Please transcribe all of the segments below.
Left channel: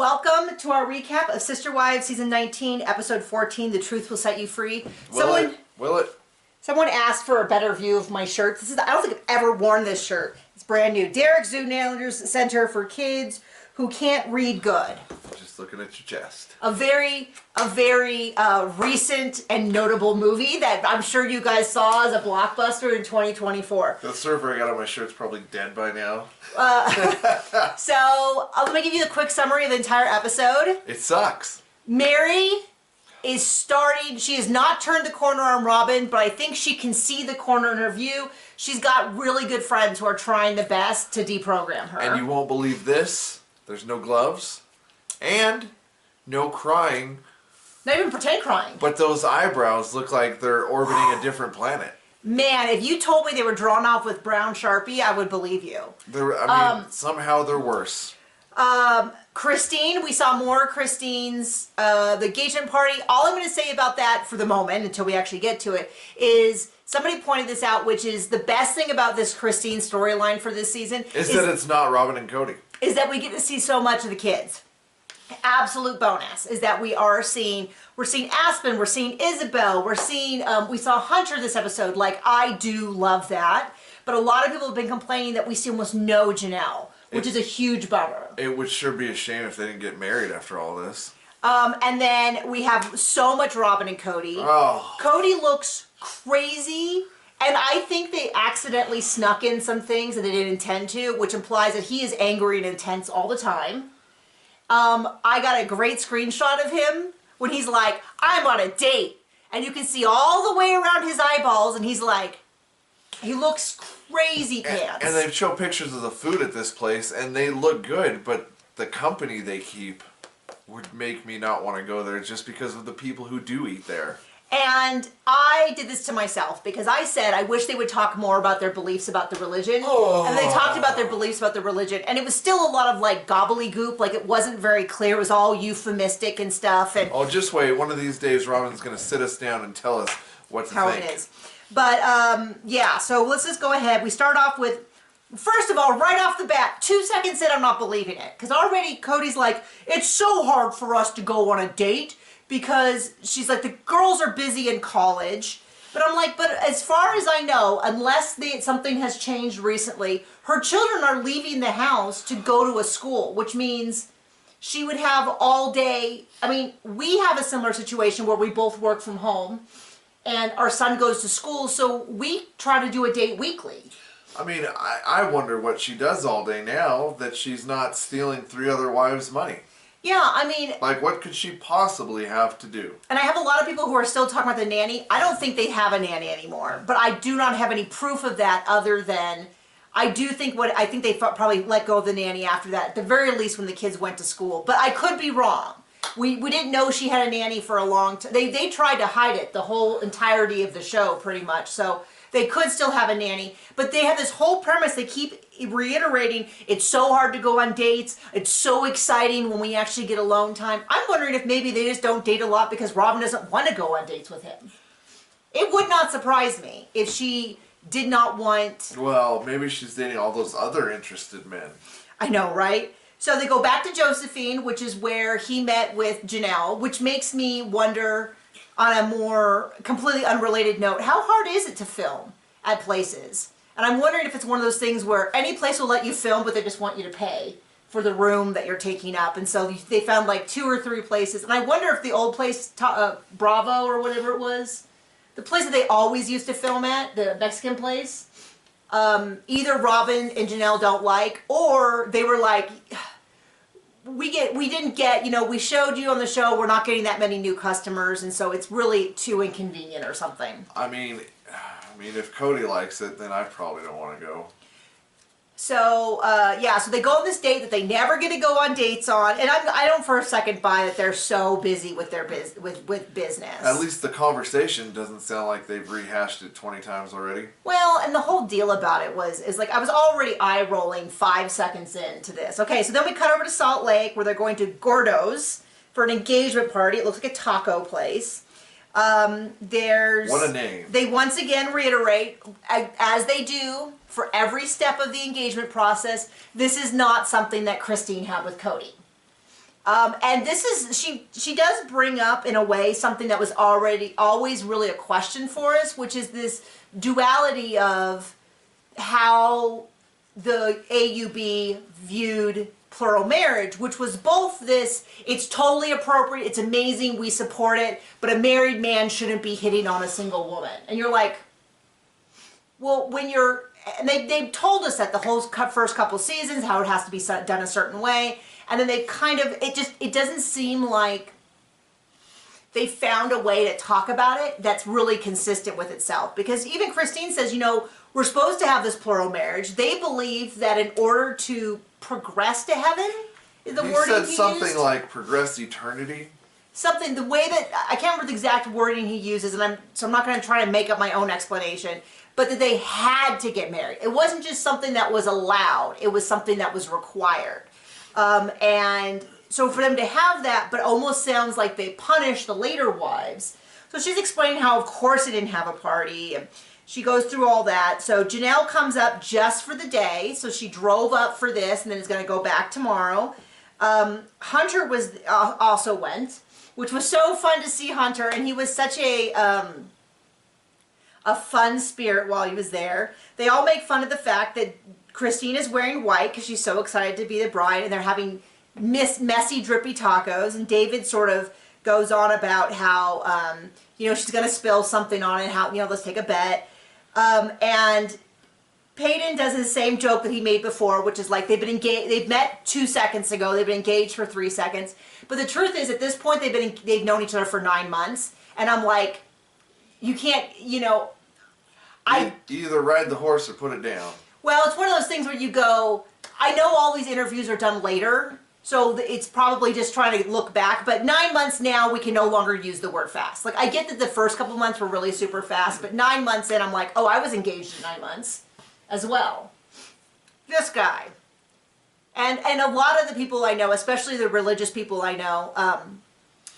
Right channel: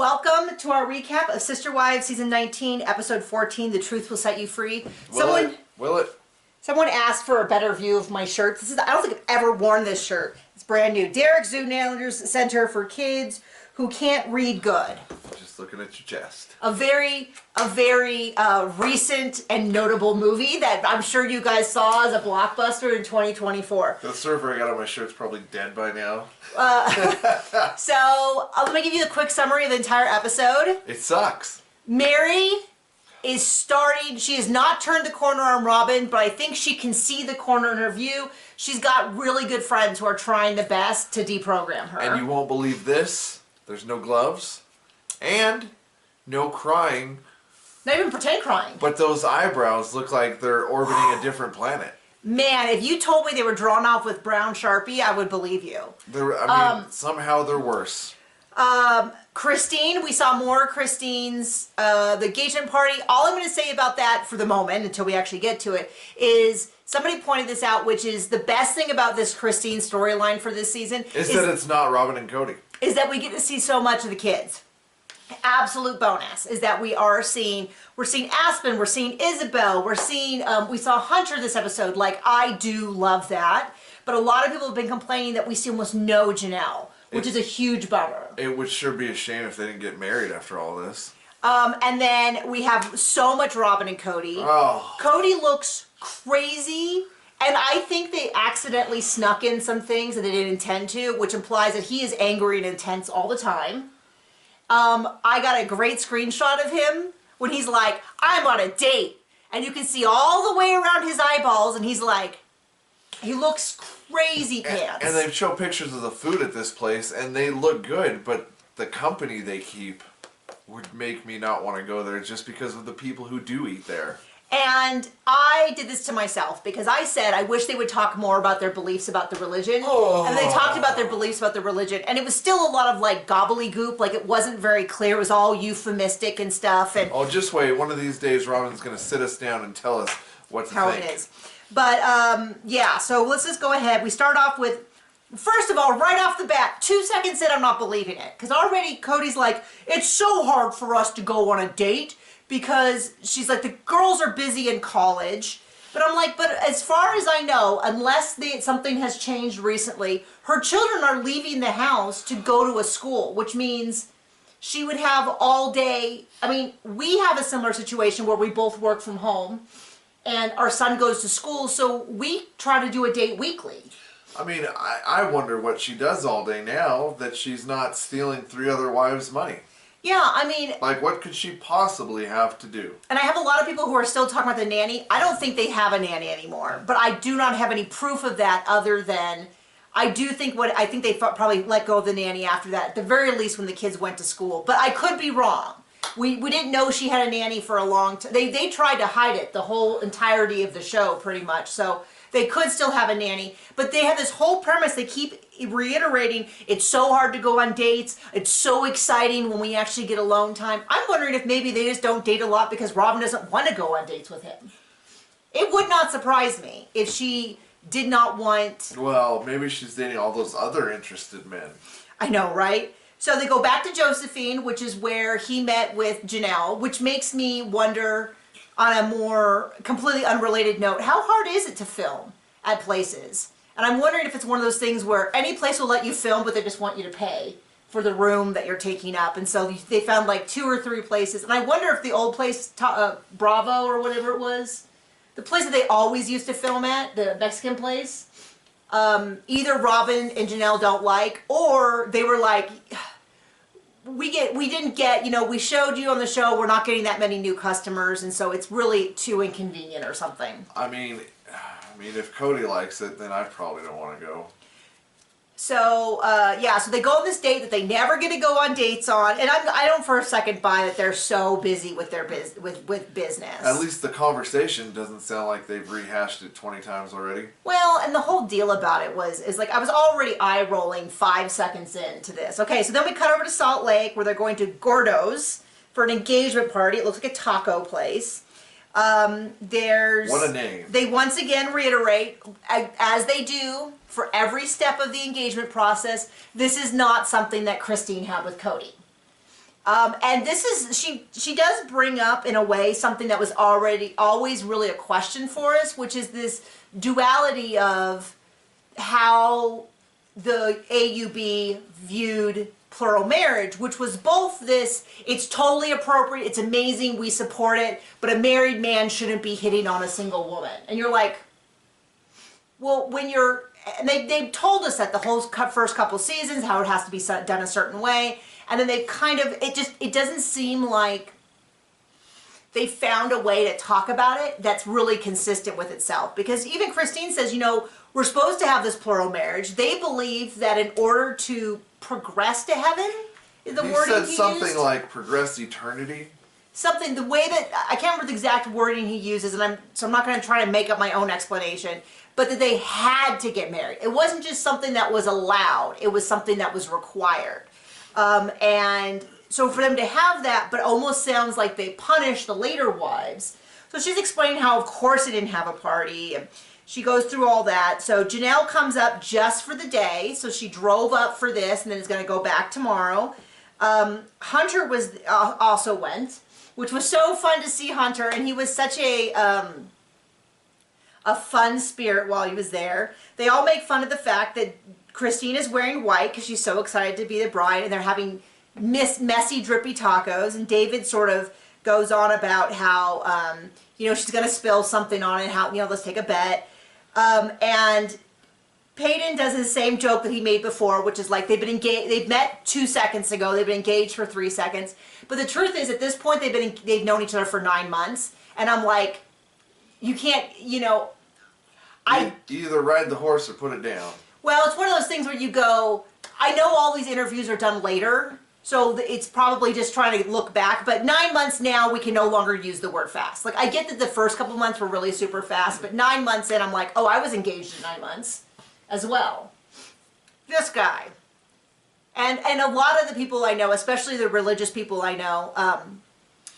Welcome to our recap of Sister Wives Season 19, Episode 14, The Truth Will Set You Free. Will it? Someone asked for a better view of my shirt. I don't think I've ever worn this shirt. It's brand new. Derek Zoonailer's Center for Kids Who Can't Read Good. Just looking at your chest. A very recent and notable movie that I'm sure you guys saw as a blockbuster in 2024. The server I got on my shirt's probably dead by now. So let me give you a quick summary of the entire episode. It sucks. Meri is starting, she has not turned the corner on Robyn, but I think she can see the corner in her view. She's got really good friends who are trying the best to deprogram her. And you won't believe this. There's no gloves. And no crying. Not even pretend crying. But those eyebrows look like they're orbiting a different planet. Man, if you told me they were drawn off with brown Sharpie, I would believe you. Somehow they're worse. Christine, we saw more of Christine's, the engagement party. All I'm going to say about that for the moment, until we actually get to it, is somebody pointed this out, which is the best thing about this Christine storyline for this season. Is that it's not Robyn and Kody. Is that we get to see so much of the kids. Absolute bonus is that we're seeing Aspen, we're seeing Isabel, we're seeing, we saw Hunter this episode. Like, I do love that. But a lot of people have been complaining that we see almost no Janelle, which is a huge bummer. It would sure be a shame if they didn't get married after all this. And then we have so much Robyn and Kody. Oh. Cody looks crazy. And I think they accidentally snuck in some things that they didn't intend to, which implies that he is angry and intense all the time. I got a great screenshot of him when he's like, I'm on a date. And you can see all the way around his eyeballs, and he's like, he looks crazy pants. And they show pictures of the food at this place, and they look good, but the company they keep would make me not want to go there just because of the people who do eat there. And I did this to myself because I said I wish they would talk more about their beliefs about the religion. Oh. And they talked about their beliefs about the religion. And it was still a lot of like gobbledygook. Like it wasn't very clear. It was all euphemistic and stuff. And oh, just wait. One of these days Robyn's going to sit us down and tell us what to think. How it is. But yeah, so let's just go ahead. We start off with, first of all, right off the bat, 2 seconds in, I'm not believing it. Because already Cody's like, it's so hard for us to go on a date. Because she's like, the girls are busy in college. But I'm like, but as far as I know, unless something has changed recently, her children are leaving the house to go to a school, which means she would have all day. I mean, we have a similar situation where we both work from home and our son goes to school, so we try to do a date weekly. I mean, I wonder what she does all day now that she's not stealing 3 other wives' money. Yeah, I mean... Like, what could she possibly have to do? And I have a lot of people who are still talking about the nanny. I don't think they have a nanny anymore. But I do not have any proof of that other than... I think they probably let go of the nanny after that. At the very least when the kids went to school. But I could be wrong. We didn't know she had a nanny for a long time. They tried to hide it the whole entirety of the show, pretty much. So they could still have a nanny. But they have this whole premise. They keep reiterating, it's so hard to go on dates. It's so exciting when we actually get alone time. I'm wondering if maybe they just don't date a lot because Robyn doesn't want to go on dates with him. It would not surprise me if she did not want... Well, maybe she's dating all those other interested men. I know, right? So they go back to Josephine, which is where he met with Janelle, which makes me wonder, on a more completely unrelated note, how hard is it to film at places? And I'm wondering if it's one of those things where any place will let you film, but they just want you to pay for the room that you're taking up. And so they found like 2 or 3 places. And I wonder if the old place, Bravo or whatever it was, the place that they always used to film at, the Mexican place, either Robyn and Janelle don't like, or they were like, we didn't get, we showed you on the show, we're not getting that many new customers. And so it's really too inconvenient or something. I mean, if Kody likes it, then I probably don't want to go. So, yeah, so they go on this date that they never get to go on dates on, and I don't for a second buy that they're so busy with their with business. At least the conversation doesn't sound like they've rehashed it 20 times already. Well, and the whole deal about it is like I was already eye-rolling 5 seconds into this. Okay, so then we cut over to Salt Lake where they're going to Gordo's for an engagement party. It looks like a taco place. What a name. They once again reiterate, as they do for every step of the engagement process, this is not something that Christine had with Kody. And this is, she does bring up in a way something that was always really a question for us, which is this duality of how the AUB viewed plural marriage, which was both this, it's totally appropriate, it's amazing, we support it, but a married man shouldn't be hitting on a single woman. And you're like, well, when you're, and they've told us that the whole first couple seasons, how it has to be done a certain way, and then they kind of, it doesn't seem like they found a way to talk about it that's really consistent with itself. Because even Christine says, you know, we're supposed to have this plural marriage. They believe that in order to progress to heaven, is the wording he said something used? like progress eternity. Something, the way that, I can't remember the exact wording he uses, and so I'm not going to try to make up my own explanation, but that they had to get married. It wasn't just something that was allowed, it was something that was required. And so for them to have that, but almost sounds like they punish the later wives. So she's explaining how, of course, they didn't have a party. And she goes through all that. So Janelle comes up just for the day. So she drove up for this and then is going to go back tomorrow. Hunter was also went, which was so fun to see Hunter. And he was such a fun spirit while he was there. They all make fun of the fact that Christine is wearing white because she's so excited to be the bride, and they're having messy, drippy tacos. And David sort of goes on about how, you know, she's going to spill something on it, how, you know, let's take a bet. And Peyton does the same joke that he made before, which is like they've been engaged, they've met 2 seconds ago, they've been engaged for 3 seconds. But the truth is, at this point, they've known each other for 9 months. And I'm like, you can't, you know, either ride the horse or put it down. Well, it's one of those things where you go, I know all these interviews are done later, so it's probably just trying to look back, but 9 months now, we can no longer use the word fast. Like, I get that the first couple months were really super fast, but 9 months in, I'm like, oh, I was engaged in 9 months as well. This guy. And a lot of the people I know, especially the religious people I know,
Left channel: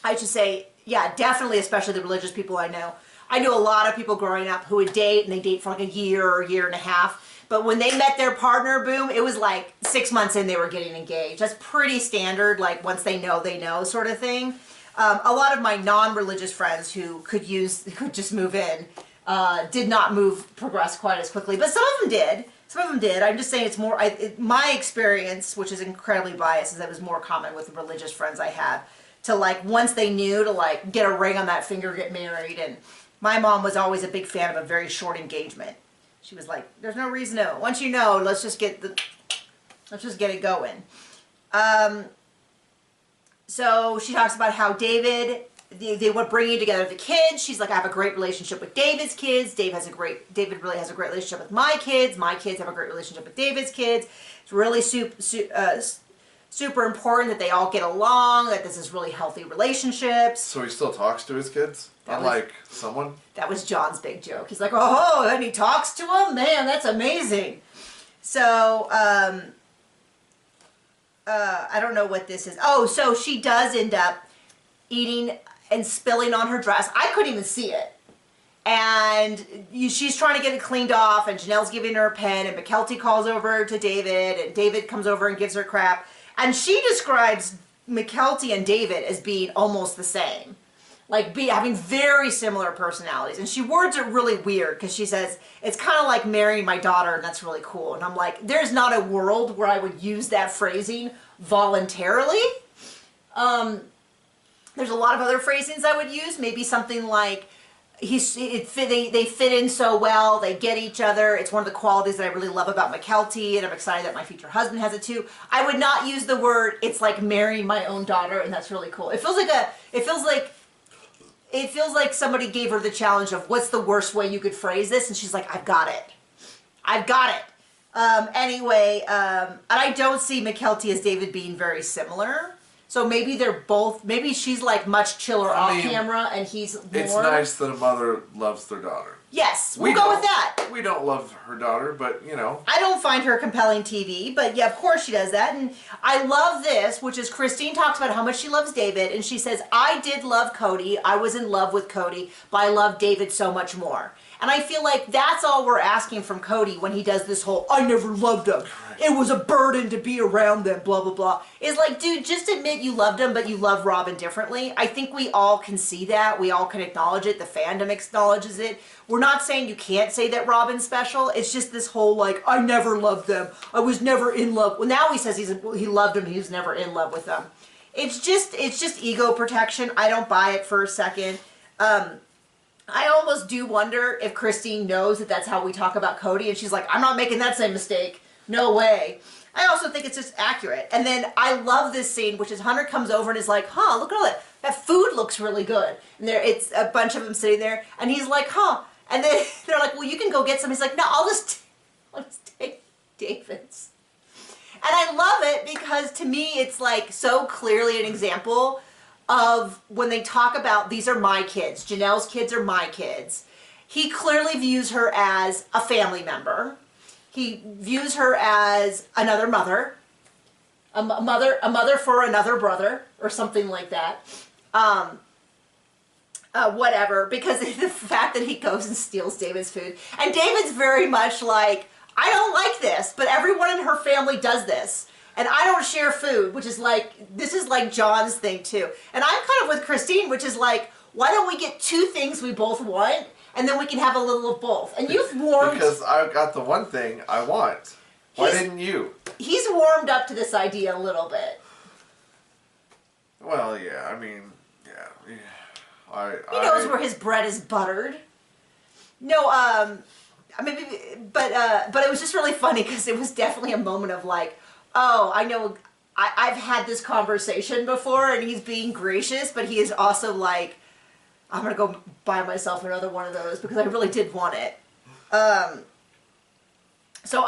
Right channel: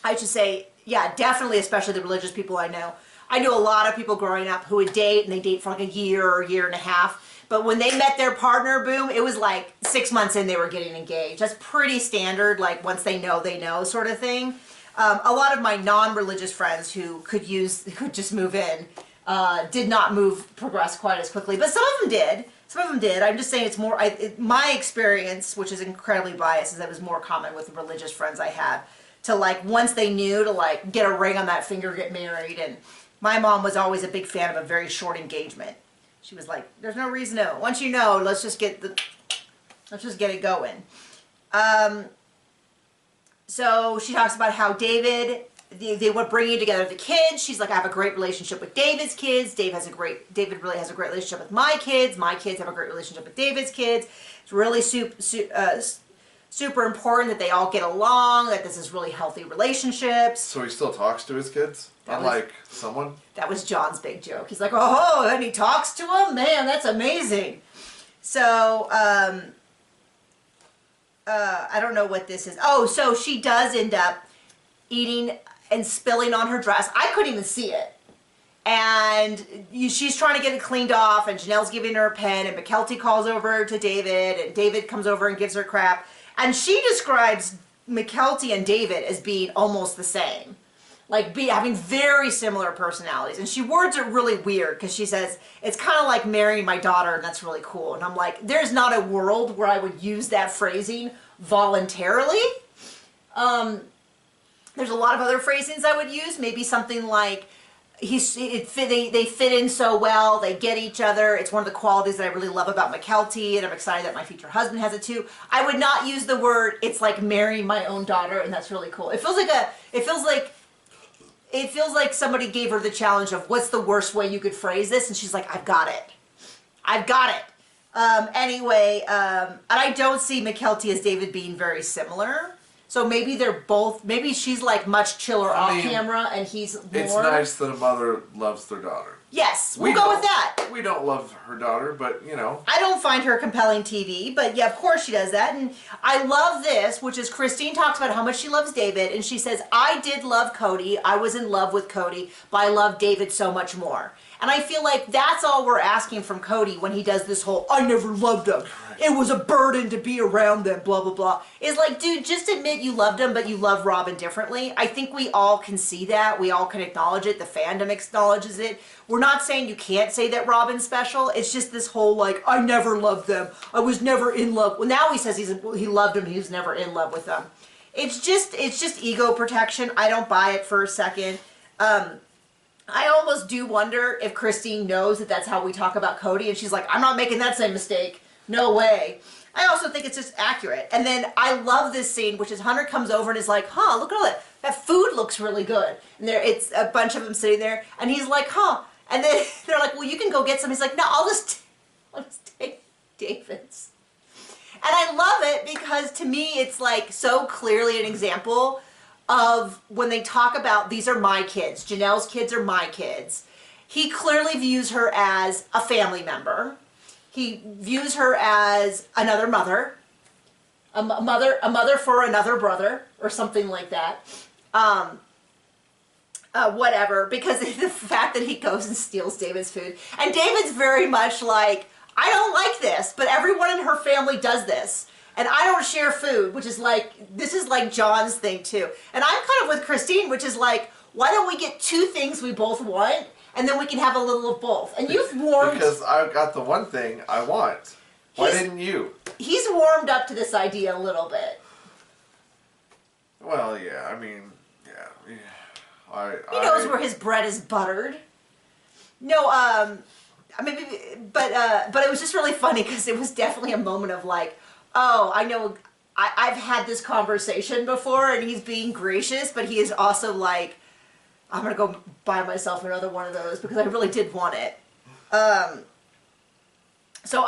I should say, yeah, definitely especially the religious people I know. I knew a lot of people growing up who would date, and they date for like a year or a year and a half. But when they met their partner, boom, it was like 6 months in they were getting engaged. That's pretty standard, like once they know sort of thing. A lot of my non-religious friends who could just move in, did not progress quite as quickly. But some of them did. Some of them did. I'm just saying it's more, my experience, which is incredibly biased, is that it was more common with the religious friends I had. To like, once they knew, to like get a ring on that finger, get married. And my mom was always a big fan of a very short engagement. She was like, there's no reason to. Once you know, let's just get it going. So she talks about how David, they were bringing together the kids. She's like, I have a great relationship with David's kids. David really has a great relationship with my kids. My kids have a great relationship with David's kids. It's really super important that they all get along, that this is really healthy relationships. So he still talks to his kids? Unlike someone? That was John's big joke. He's like, oh, and he talks to them? Man, that's amazing. So, I don't know what this is. Oh, so she does end up eating and spilling on her dress. I couldn't even see it. And she's trying to get it cleaned off, and Janelle's giving her a pen, and McKelty calls over to David, and David comes over and gives her crap. And she describes McKelty and David as being almost the same. Like having very similar personalities. And she words it really weird because she says, it's kind of like marrying my daughter, and that's really cool. And I'm like, there's not a world where I would use that phrasing voluntarily. There's a lot of other phrasings I would use. Maybe something like, they fit in so well, they get each other. It's one of the qualities that I really love about McKelty, and I'm excited that my future husband has it too. I would not use the word, it's like marrying my own daughter, and that's really cool. It feels like somebody gave her the challenge of what's the worst way you could phrase this, and she's like, I've got it. I've got it. Anyway, and I don't see McKelty as David being very similar. So maybe maybe she's like much chiller off camera, and he's more. It's nice that a mother loves their daughter. Yes, we'll go with that. We don't love her daughter, but you know. I don't find her compelling TV, but yeah, of course she does that. And I love this, which is Christine talks about how much she loves David, and she says, I did love Kody. I was in love with Kody, but I love David so much more. And I feel like that's all we're asking from Kody when he does this whole, I never loved them. It was a burden to be around them, blah, blah, blah. It's like, dude, just admit you loved him, but you love Robyn differently. I think we all can see that. We all can acknowledge it. The fandom acknowledges it. We're not saying you can't say that Robyn's special. It's just this whole, like, I never loved them. I was never in love. Well, now he says he loved him. He was never in love with them. It's just ego protection. I don't buy it for a second. I almost do wonder if Christine knows that that's how we talk about Kody, and she's like, I'm not making that same mistake. No way. I also think it's just accurate. And then I love this scene, which is Hunter comes over and is like, huh, look at all that. That food looks really good. And it's a bunch of them sitting there, and he's like, huh. And then they're like, well, you can go get some. He's like, no, I'll just take David's. And I love it because to me, it's like so clearly an example of when they talk about, these are my kids, Janelle's kids are my kids. He clearly views her as a family member. He views her as another mother, a mother for another brother, or something like that. Whatever, because the fact that he goes and steals David's food. And David's very much like, I don't like this, but everyone in her family does this. And I don't share food, which is like, this is like John's thing too. And I'm kind of with Christine, which is like, why don't we get two things we both want, and then we can have a little of both. And you've warmed... Because I've got the one thing I want. Why didn't you? He's warmed up to this idea a little bit. Well, yeah, I mean, yeah. He knows where his bread is buttered. No, I mean, but it was just really funny because it was definitely a moment of like, oh, I know, I've had this conversation before, and he's being gracious, but he is also like, I'm gonna go buy myself another one of those because I really did want it. So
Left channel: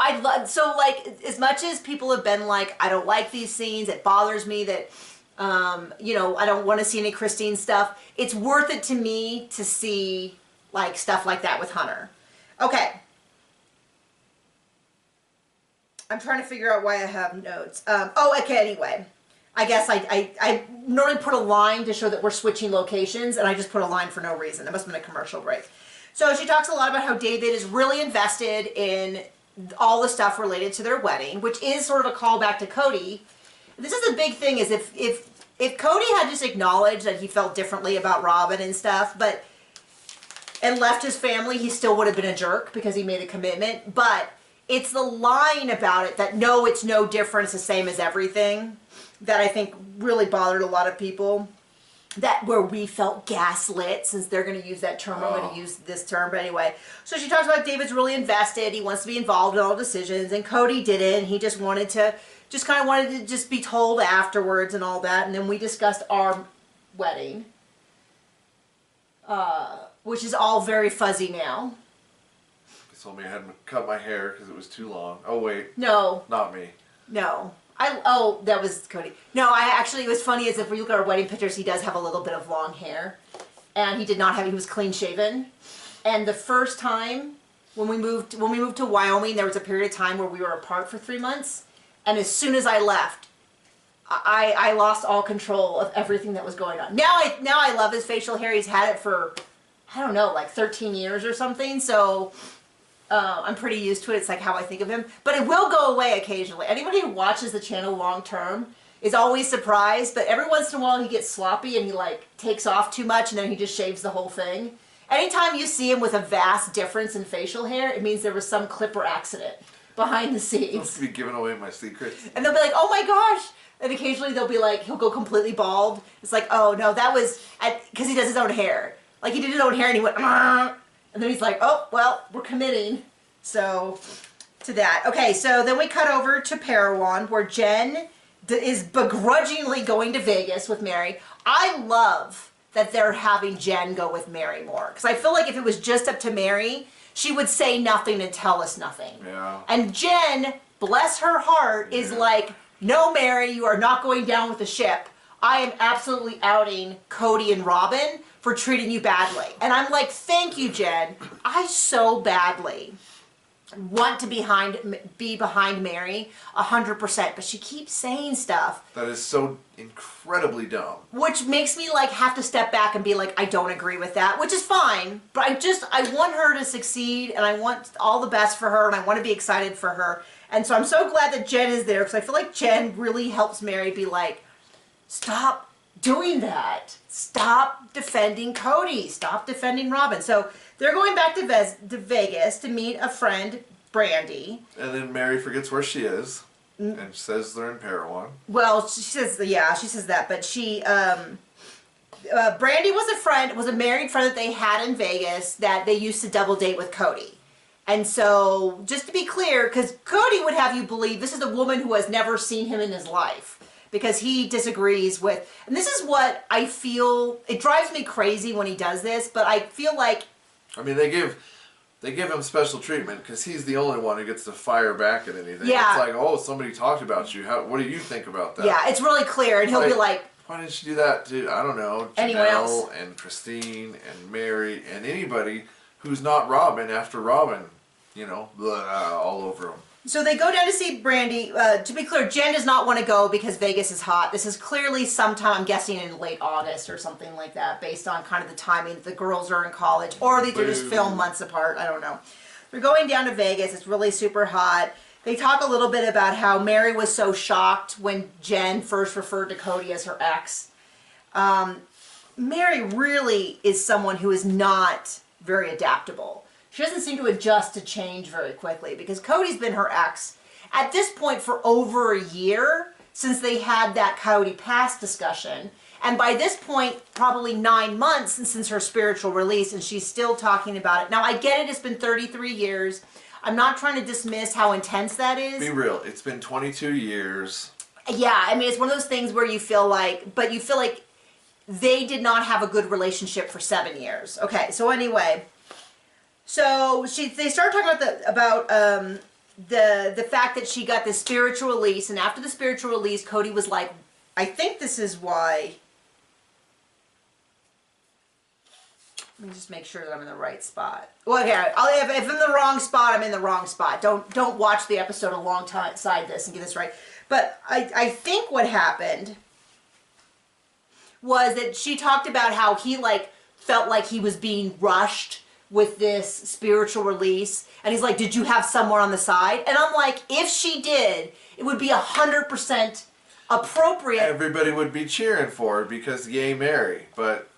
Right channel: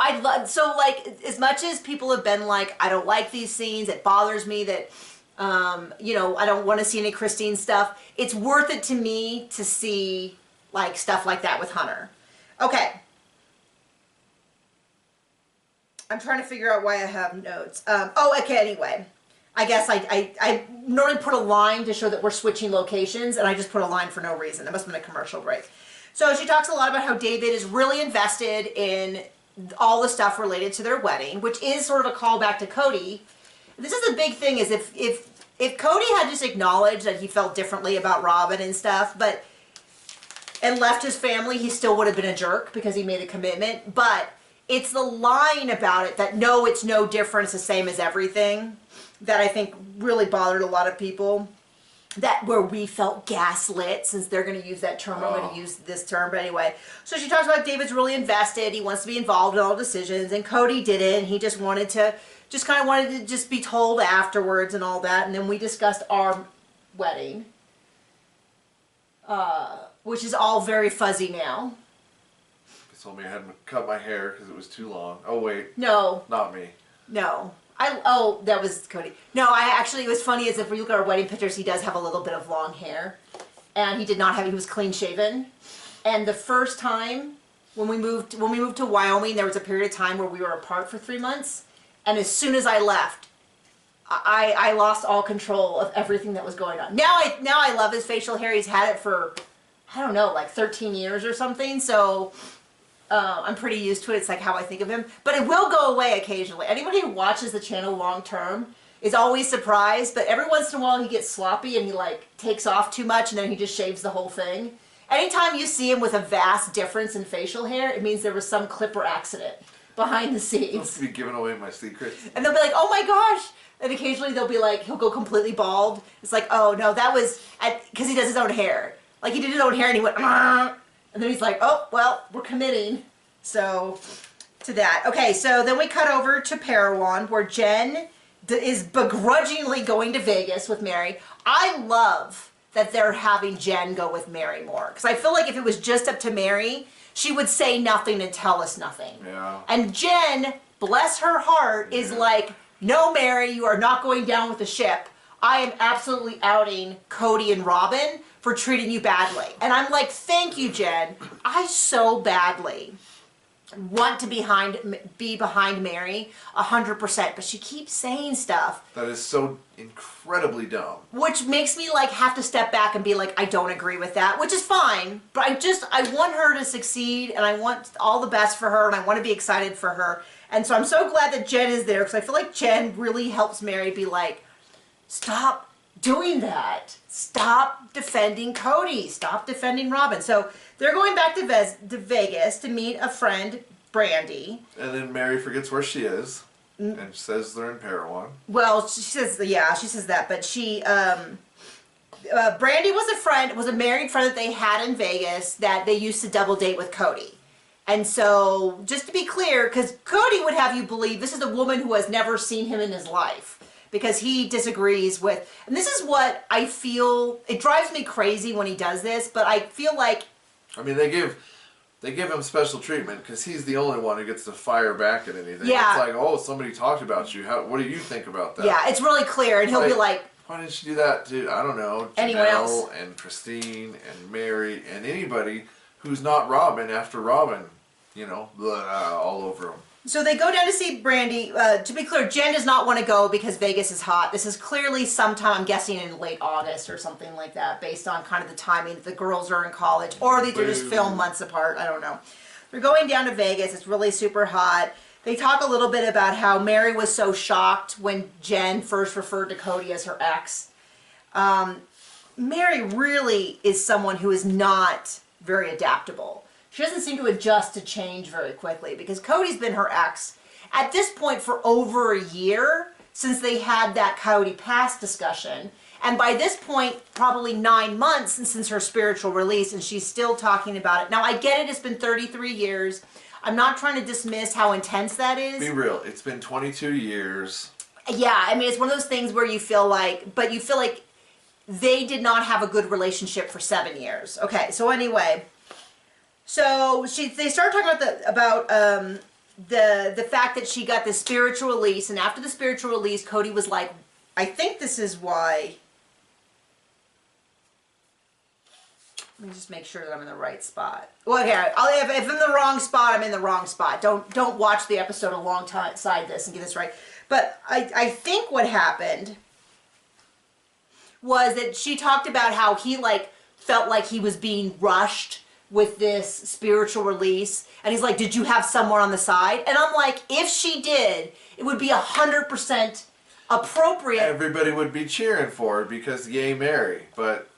like, as much as people have been like, I don't like these scenes, it bothers me that, you know, I don't want to see any Christine stuff. It's worth it to me to see like stuff like that with Hunter. Okay. I'm trying to figure out why I have notes. Okay, anyway. I guess I normally put a line to show that we're switching locations, and I just put a line for no reason. It must have been a commercial break. So she talks a lot about how David is really invested in all the stuff related to their wedding, which is sort of a callback to Kody. This is the big thing, is if Kody had just acknowledged that he felt differently about Robyn and stuff, and left his family, he still would have been a jerk because he made a commitment. But it's the line about it that, no, it's no different, it's the same as everything, that I think really bothered a lot of people. That where we felt gaslit, since they're going to use that term, I'm going to use this term, but anyway. So she talks about David's really invested, he wants to be involved in all decisions, and Kody didn't. He just wanted to, just be told afterwards and all that. And then we discussed our wedding, which is all very fuzzy now. Told me I had to cut my hair because it was too long. Oh wait. No. Not me. No. That was Kody. No, it was funny as if we look at our wedding pictures, he does have a little bit of long hair. And he did not have, he was clean shaven. And the first time when we moved to Wyoming, there was a period of time where we were apart for 3 months. And as soon as I left, I lost all control of everything that was going on. Now I love his facial hair. He's had it for, I don't know, like 13 years or something. So I'm pretty used to it. It's like how I think of him. But it will go away occasionally. Anybody who watches the channel long term is always surprised. But every once in a while he gets sloppy and he like takes off too much and then he just shaves the whole thing. Anytime you see him with a vast difference in facial hair, it means there was some clipper accident behind the scenes. Supposed to be giving away my secrets. And they'll be like, oh my gosh. And occasionally they'll be like, he'll go completely bald. It's like, oh no, that was, because he does his own hair. Like he did his own hair and he went, Argh! And then he's like, oh, well, we're committing. So, to that. Okay, so then we cut over to Parowan, where Jen is begrudgingly going to Vegas with Meri. I love that they're having Jen go with Meri more. Because I feel like if it was just up to Meri, she would say nothing and tell us nothing. Yeah. And Jen, bless her heart, is like, no, Meri, you are not going down with the ship. I am absolutely outing Kody and Robyn for treating you badly. And I'm like, thank you, Jen. I so badly want to be behind Meri 100%, but she keeps saying stuff that is so incredibly dumb, which makes me like have to step back and be like, I don't agree with that, which is fine, but I want her to succeed, and I want all the best for her, and I want to be excited for her. And so I'm so glad that Jen is there, because I feel like Jen really helps Meri be like, stop doing that. Stop defending Kody. Stop defending Robyn. So they're going back to Vegas to meet a friend, Brandy. and then Meri forgets where she is and says they're in Parowan. Well, she says that, but she, Brandy was a married friend that they had in Vegas that they used to double date with Kody. And so, just to be clear, because Kody would have you believe this is a woman who has never seen him in his life, because he disagrees with, and this is what I feel, it drives me crazy when he does this, but I feel like, I mean, they give him special treatment because he's the only one who gets to fire back at anything. Yeah. It's like, oh, somebody talked about you. What do you think about that? yeah, it's really clear, and he'll be like, why didn't you do that to, I don't know, anyone else? Janelle and Christine and Meri and anybody who's not Robyn after Robyn, you know, all over him. So they go down to see Brandy. To be clear, Jen does not want to go because Vegas is hot. This is clearly sometime, I'm guessing, in late August or something like that, based on kind of the timing that the girls are in college, or they're just filmed months apart. I don't know. They're going down to Vegas. It's really super hot. They talk a little bit about how Meri was so shocked when Jen first referred to Kody as her ex. Meri really is someone who is not very adaptable. She doesn't seem to adjust to change very quickly, because Cody's been her ex at this point for over a year since they had that Kody past discussion. And by this point, probably 9 months since her spiritual release, and she's still talking about it. Now, I get it. It's been 33 years. I'm not trying to dismiss how intense that is. Be real. It's been 22 years. Yeah, I mean, it's one of those things where you feel like they did not have a good relationship for 7 years. Okay, so anyway... So they start talking about the fact that she got this spiritual release, and after the spiritual release, Kody was like, I think this is why. Let me just make sure that I'm in the right spot. Well, okay, if I'm in the wrong spot, I'm in the wrong spot. Don't watch the episode alongside this and get this right. But I think what happened was that she talked about how he felt like he was being rushed with this spiritual release, and he's like, did you have someone on the side? And I'm like, if she did, it would be 100% appropriate. Everybody would be cheering for her because yay Meri, but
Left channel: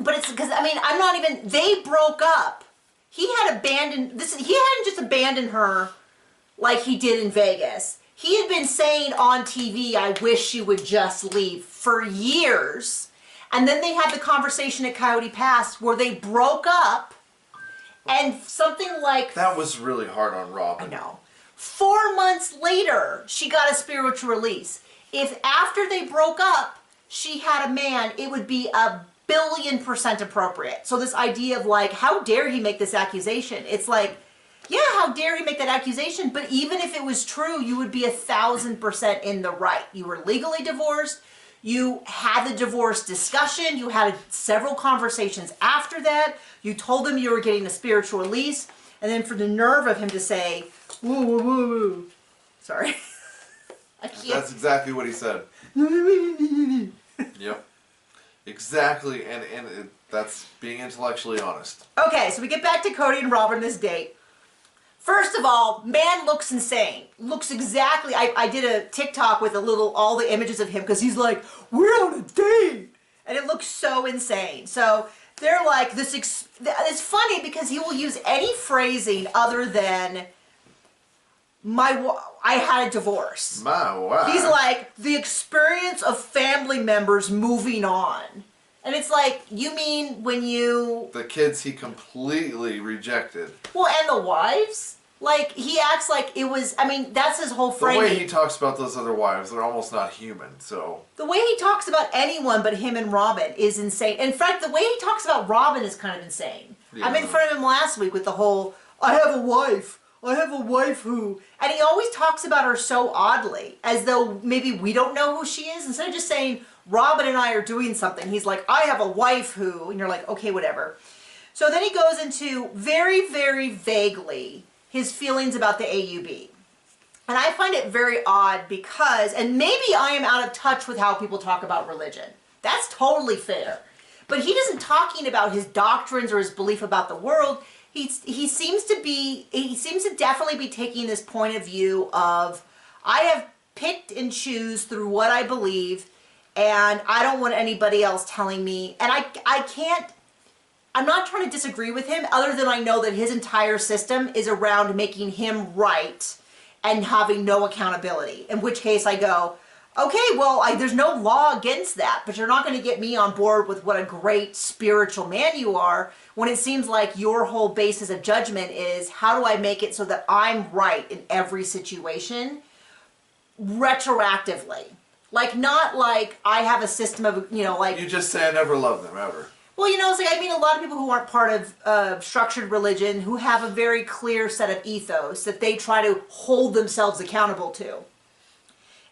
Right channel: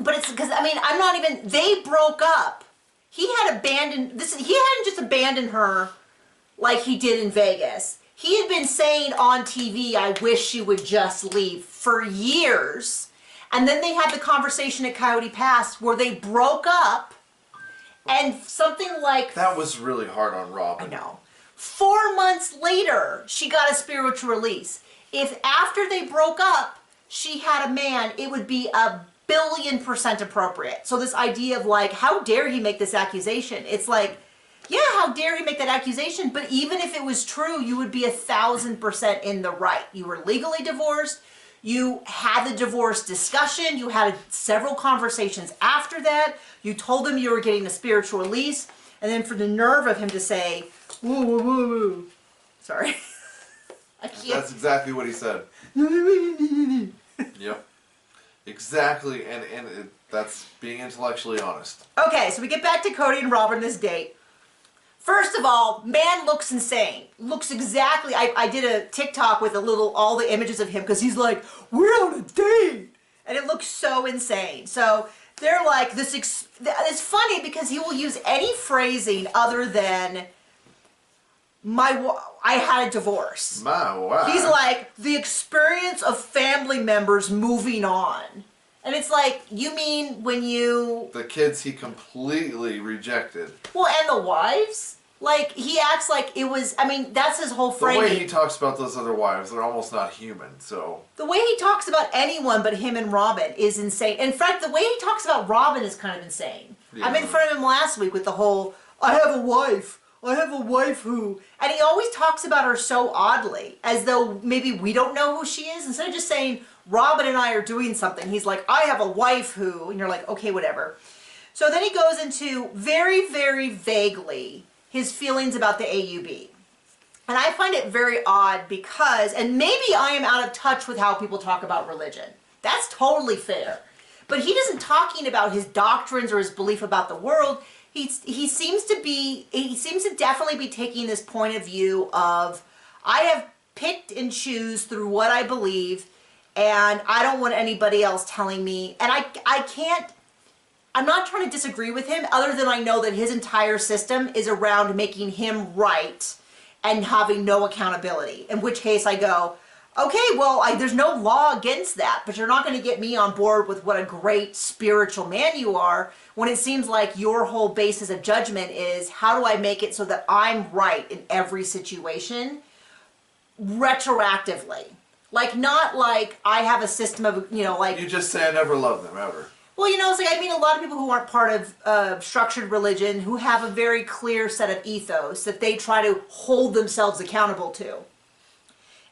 it's because, I mean, I'm not even, they broke up. He hadn't just abandoned her like he did in Vegas. He had been saying on TV, I wish she would just leave, for years. And then they had the conversation at Coyote Pass where they broke up. And something like... That was really hard on Robyn. I know. 4 months later, she got a spiritual release. If after they broke up, she had a man, it would be 1,000,000,000% appropriate. So this idea of like, how dare he make this accusation? It's like, yeah, how dare he make that accusation? But even if it was true, you would be 1,000% in the right. You were legally divorced. You had the divorce discussion. You had several conversations after that. You told him you were getting a spiritual release. And then for the nerve of him to say, woo, woo, woo, woo. Sorry. I can't. That's exactly what he said. Yep. Exactly. And that's being intellectually honest. Okay, so we get back to Kody and Robyn this date. First of all, man looks insane. Looks exactly... I did a TikTok with all the images of him, because he's like, we're on a date! And it looks so insane. So they're like, it's funny because he will use any phrasing other than, I had a divorce. My wow. He's like, the experience of family members moving on. And it's like, you mean when you... The kids he completely rejected. Well, and the wives? Like, he acts like it was... I mean, that's his whole framing. The way he talks about those other wives, they're almost not human, so... The way he talks about anyone but him and Robyn is insane. In fact, the way he talks about Robyn is kind of insane. Yeah. I made fun of him last week with the whole, I have a wife who... And he always talks about her so oddly, as though maybe we don't know who she is. Instead of just saying, Robyn and I are doing something, he's like, I have a wife who... And you're like, okay, whatever. So then he goes into very, very vaguely his feelings about the AUB. And I find it very odd because, and maybe I am out of touch with how people talk about religion. That's totally fair. But he isn't talking about his doctrines or his belief about the world. He seems to definitely be taking this point of view of, I have picked and choose through what I believe, and I don't want anybody else telling me. And I can't, I'm not trying to disagree with him, other than I know that his entire system is around making him right and having no accountability. In which case I go, okay, well, there's no law against that, but you're not going to get me on board with what a great spiritual man you are, when it seems like your whole basis of judgment is, how do I make it so that I'm right in every situation, retroactively? Like, not like I have a system of, like... You just say I never loved them, ever. Well, it's like, I mean, a lot of people who aren't part of structured religion, who have a very clear set of ethos that they try to hold themselves accountable to.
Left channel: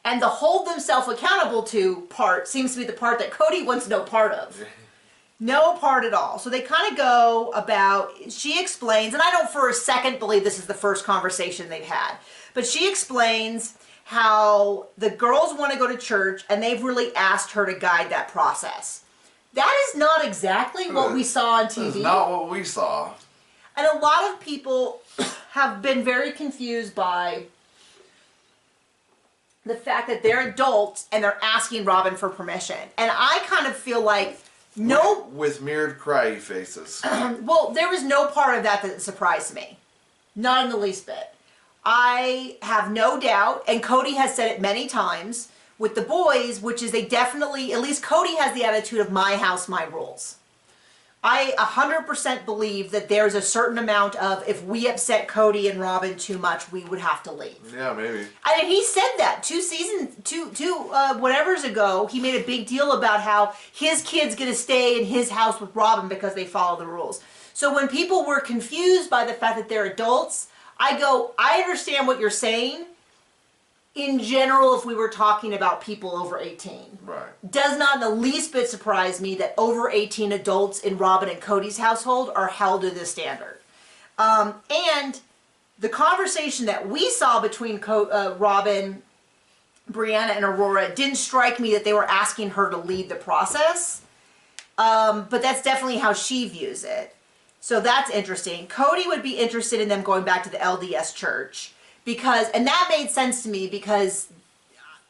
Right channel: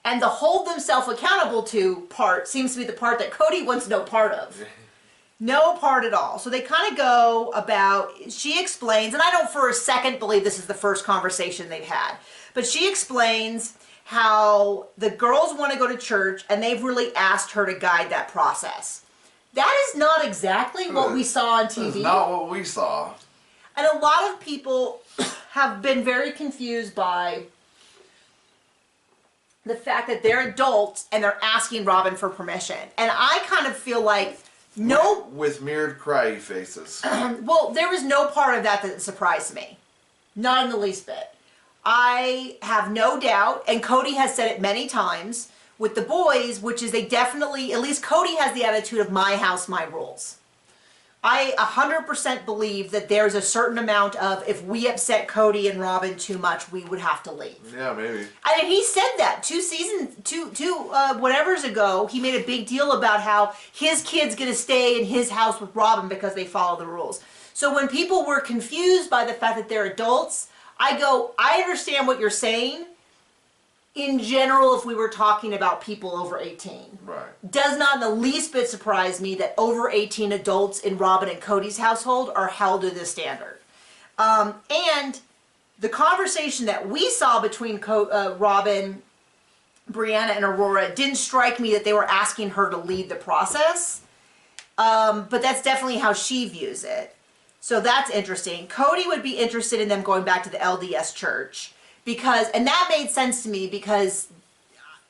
And the hold themselves accountable to part seems to be the part that Kody wants no part of. No part at all. So they kind of go about, she explains, and I don't for a second believe this is the first conversation they've had, but she explains how the girls want to go to church and they've really asked her to guide that process. That is not exactly what we saw on TV. That's not what we saw. And a lot of people have been very confused by the fact that they're adults and they're asking Robyn for permission. And I kind of feel like with mirrored cry faces. Well, there was no part of that surprised me. Not in the least bit. I have no doubt, and Kody has said it many times, with the boys, which is they definitely, at least Kody has the attitude of my house, my rules. I 100% believe that there's a certain amount of, if we upset Kody and Robyn too much, we would have to leave. Yeah, maybe. And he said that two whatevers ago, he made a big deal about how his kid's going to stay in his house with Robyn because they follow the rules. So when people were confused by the fact that they're adults, I go, I understand what you're saying. In general, if we were talking about people over 18. Right. Does not in the least bit surprise me that over 18 adults in Robyn and Kody's household are held to this standard. And the conversation that we saw between Robyn, Brianna, and Aurora didn't strike me that they were asking her to lead the process. But that's definitely how she views it. So that's interesting. Kody would be interested in them going back to the LDS church. And that made sense to me because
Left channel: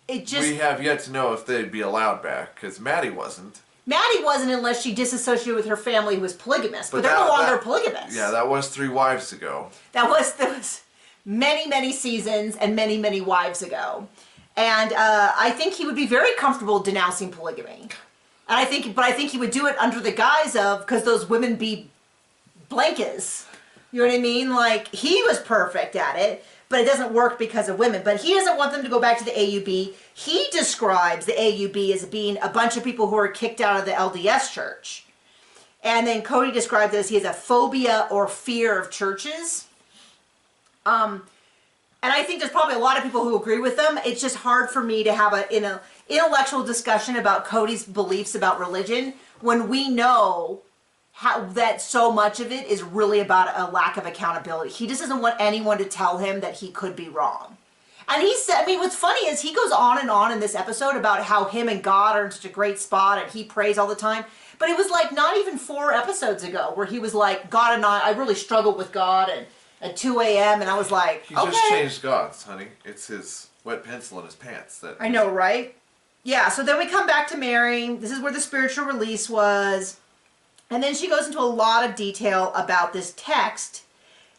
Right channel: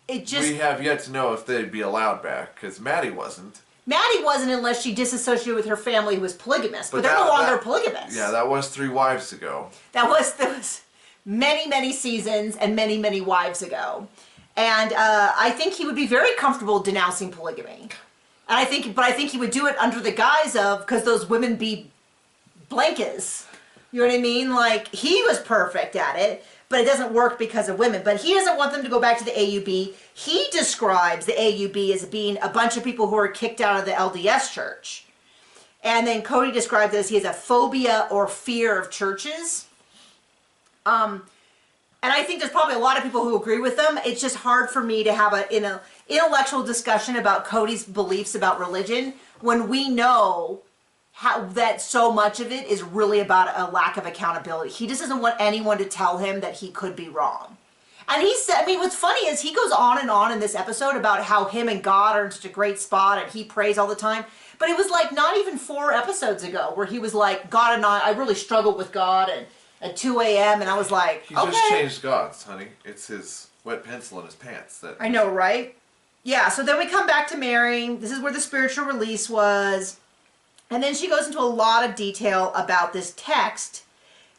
it just... We have yet to know if they'd be allowed back, because Maddie wasn't. Maddie wasn't unless she disassociated with her family who was polygamous. But they're no longer polygamous. Yeah, that was 3 wives ago. That was many, many seasons and many, many wives ago. And I think he would be very comfortable denouncing polygamy. And I think he would do it under the guise of, because those women be blankers. You know what I mean? Like, he was perfect at it. But it doesn't work because of women. But he doesn't want them to go back to the AUB. He describes the AUB as being a bunch of people who are kicked out of the LDS church. And then Kody describes it as he has a phobia or fear of churches. And I think there's probably a lot of people who agree with them. It's just hard for me to have an intellectual discussion about Kody's beliefs about religion when we know that so much of it is really about a lack of accountability. He just doesn't want anyone to tell him that he could be wrong. And he said, I mean, what's funny is he goes on and on in this episode about how him and God are in such a great spot and he prays all the time. But it was like not even 4 episodes ago where he was like, God and I really struggled with God and at 2 a.m. And I was like, He just changed gods, honey. It's his wet pencil in his pants. I know, right? Yeah, so then we come back to Meri. This is where the spiritual release was. And then she goes into a lot of detail about this text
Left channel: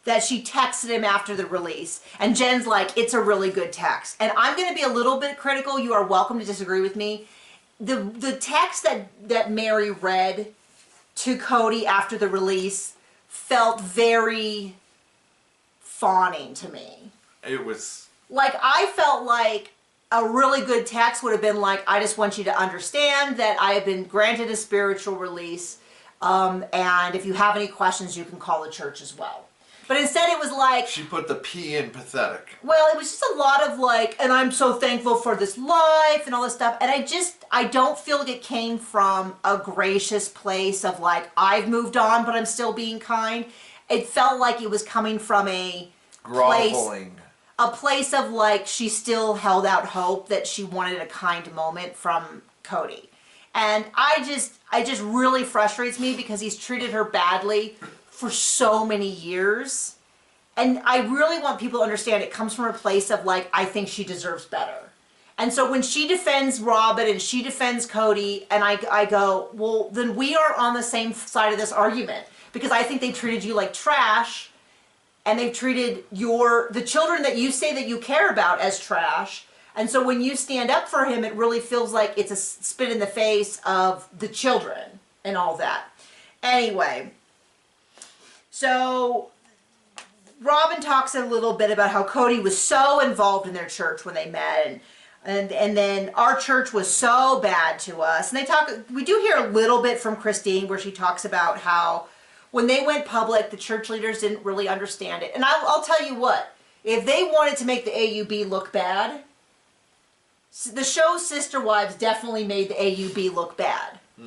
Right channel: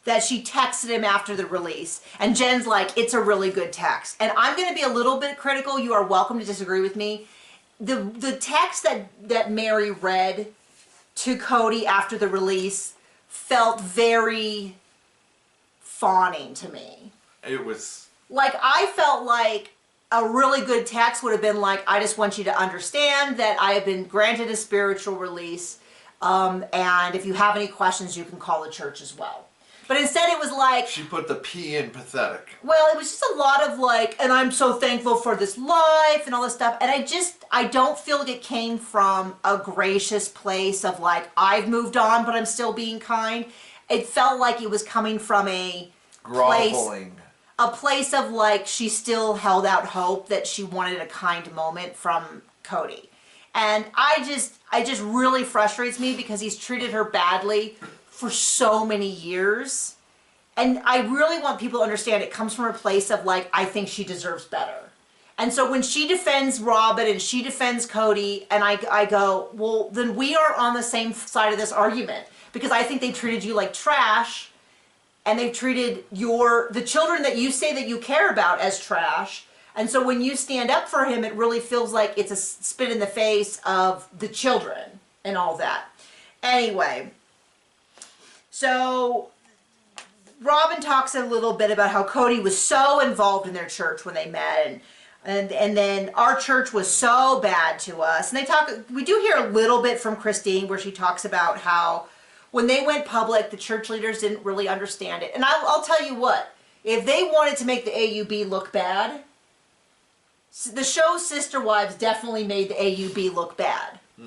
that she texted him after the release. And Jen's like, it's a really good text. And I'm going to be a little bit critical. You are welcome to disagree with me. The text that Meri read to Kody after the release felt very fawning to me. It was... Like, I felt like a really good text would have been like, I just want you to understand that I have been granted a spiritual release. And if you have any questions, you can call the church as well. But instead it was like... She put the P in pathetic. Well, it was just a lot of like, and I'm so thankful for this life and all this stuff. And I don't feel like it came from a gracious place of like, I've moved on, but I'm still being kind. It felt like it was coming from groveling. A place of like she still held out hope that she wanted a kind moment from Kody. And it just really frustrates me because he's treated her badly for so many years. And I really want people to understand it comes from a place of like, I think she deserves better. And so when she defends Robyn and she defends Kody, and I go, well, then we are on the same side of this argument. Because I think they treated you like trash, and they've treated the children that you say that you care about as trash. And so when you stand up for him, it really feels like it's a spit in the face of the children and all that. Anyway, so Robyn talks a little bit about how Kody was so involved in their church when they met, and then our church was so bad to us. And we do hear a little bit from Christine where she talks about how when they went public, the church leaders didn't really understand it. And I'll tell you what, if they wanted to make the AUB look bad, the show Sister Wives definitely made the AUB look bad. You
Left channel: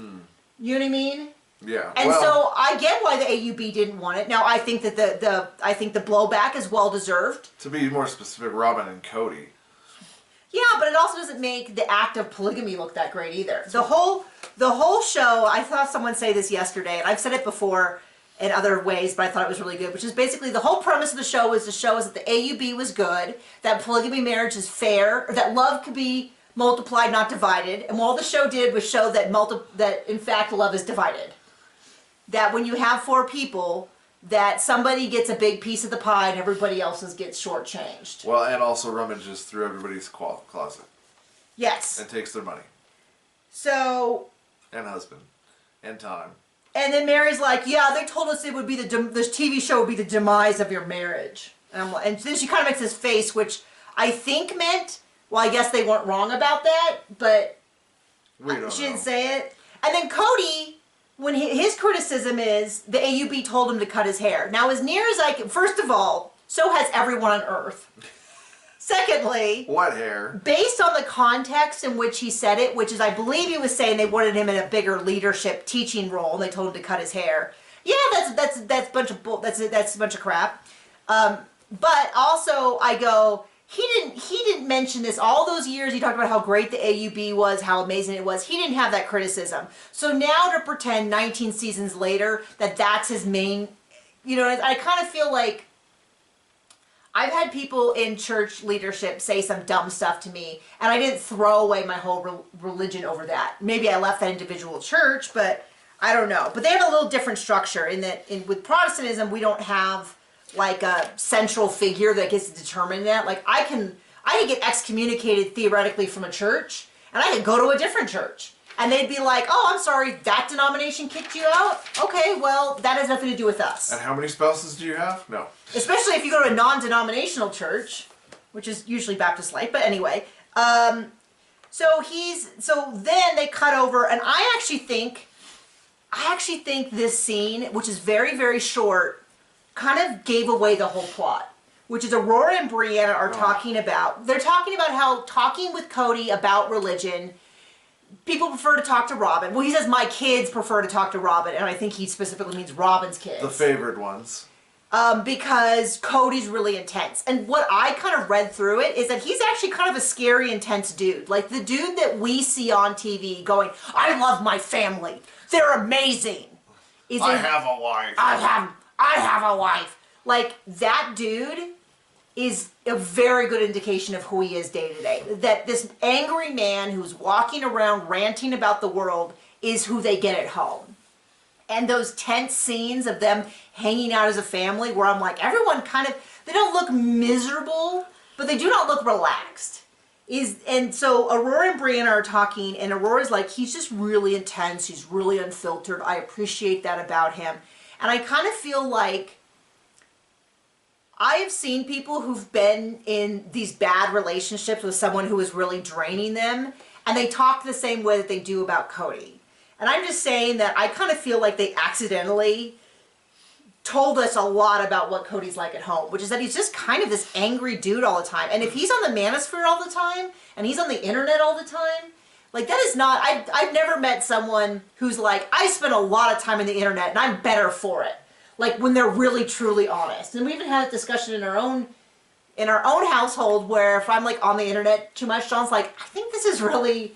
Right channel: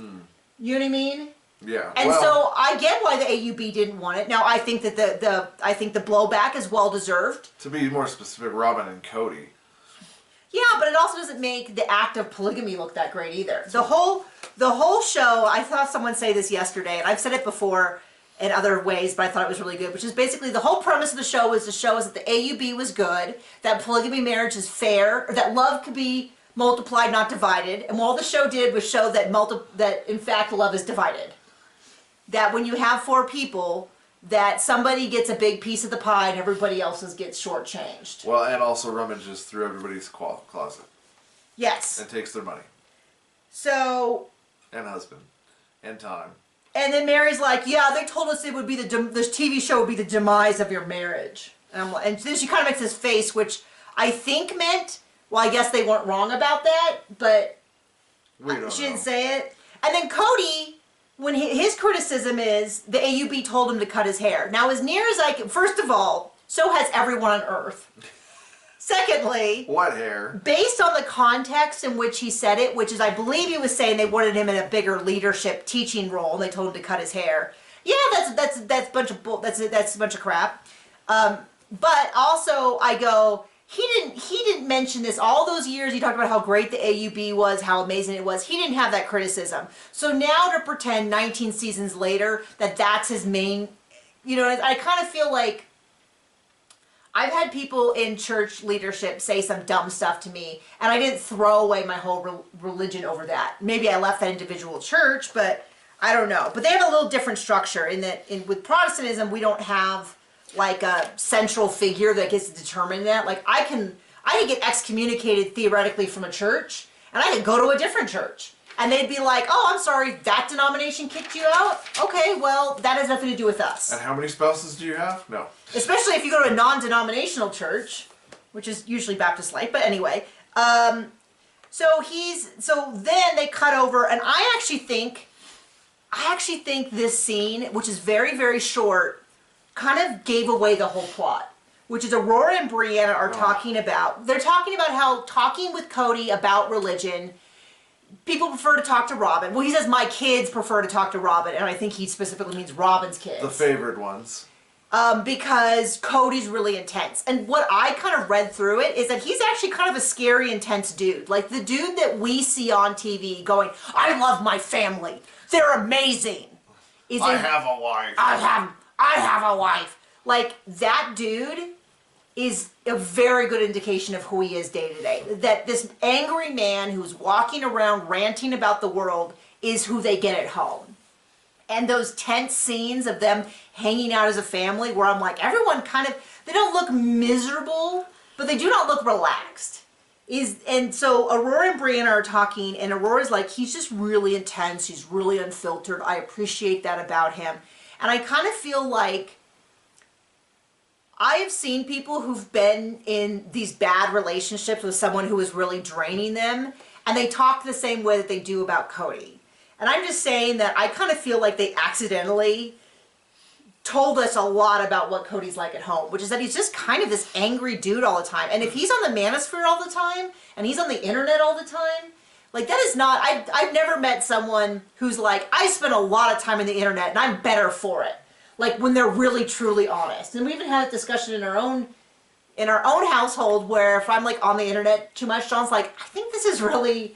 know what I mean? Yeah. And so I get why the AUB didn't want it. Now I think that the blowback is well deserved. To be more specific, Robyn and Kody. Yeah, but it also doesn't make the act of polygamy look that great either. The whole show, I saw someone say this yesterday, and I've said it before in other ways, but I thought it was really good, which is basically the whole premise of the show is that the AUB was good, that polygamy marriage is fair, or that love could be multiplied, not divided. And all the show did was show that in fact love is divided. That when you have 4 people, that somebody gets a big piece of the pie and everybody else's gets shortchanged. Well, and also rummages through everybody's closet. Yes. And takes their money. So. And husband. And time. And then Meri's like, yeah, they told us it would be this TV show would be the demise of your marriage. And then she kind of makes this face, which I think meant, well, I guess they weren't wrong about that, but she didn't say it. And then Kody, when his criticism is the AUB told him to cut his hair. Now, as near as I can, first of all, so has everyone on Earth. Secondly, what hair? Based on the context in which he said it, which is I believe he was saying they wanted him in a bigger leadership teaching role, and they told him to cut his hair. Yeah, that's a bunch of that's a bunch of crap. But also I go, he didn't mention this all those years. He talked about how great the AUB was, how amazing it was. He didn't have that criticism. So now to pretend 19 seasons later that that's his main, I kind of feel like. I've had people in church leadership say some dumb stuff to me, and I didn't throw away my whole religion over that. Maybe I left that individual church, but I don't know. But they have a little different structure in that with Protestantism, we don't have like a central figure that gets to determine that. Like I can get excommunicated theoretically from a church, and I could go to a different church. And they'd be like, oh, I'm sorry, that denomination kicked you out? Okay, well, that has nothing to do with us. And how many spouses do you have? No. Especially if you go to a non-denominational church, which is usually Baptist-like, but anyway. So then they cut over, and I actually think this scene, which is very, very short, kind of gave away the whole plot. Which is Aurora and Brianna are talking about. They're talking about how talking with Kody about religion, people prefer to talk to Robyn. Well, he says my kids prefer to talk to Robyn, and I think he specifically means Robyn's kids. The favored ones. Because Cody's really intense. And what I kind of read through it is that he's actually kind of a scary, intense dude. Like the dude that we see on TV going, I love my family. They're amazing. I have a wife. I have a wife. Like that dude is a very good indication of who he is day to day. That this angry man who's walking around ranting about the world is who they get at home. And those tense scenes of them hanging out as a family where I'm like, everyone they don't look miserable, but they do not look relaxed. And so Aurora and Brianna are talking, and Aurora's like, he's just really intense, he's really unfiltered, I appreciate that about him. And I kind of feel like I have seen people who've been in these bad relationships with someone who is really draining them, and they talk the same way that they do about Kody. And I'm just saying that I kind of feel like they accidentally told us a lot about what Cody's like at home, which is that he's just kind of this angry dude all the time. And if he's on the manosphere all the time, and he's on the internet all the time, like that is not, I've never met someone who's like, I spend a lot of time on the internet and I'm better for it. Like when they're really truly honest. And we even had a discussion in our own household where if I'm like on the internet too much, John's like, I think this is really,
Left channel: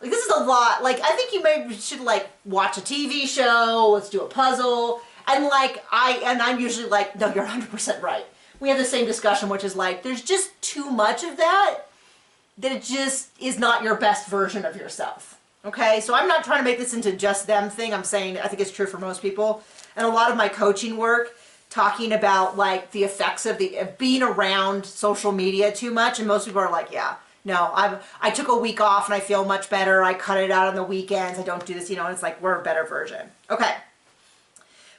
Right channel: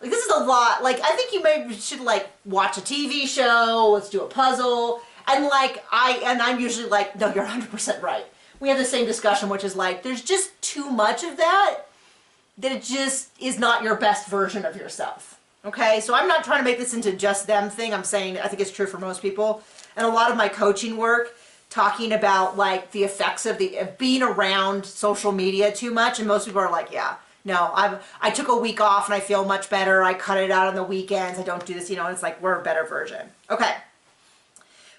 like this is a lot. Like I think you maybe should like watch a TV show, let's do a puzzle. And like I'm usually like, no, you're 100% right. We have the same discussion, which is like, there's just too much of that it just is not your best version of yourself. Okay, so I'm not trying to make this into just them thing. I'm saying I think it's true for most people. And a lot of my coaching work talking about like the effects of being around social media too much, and most people are like, yeah, no, I took a week off and I feel much better. I cut it out on the weekends. I don't do this, and it's like we're a better version. Okay.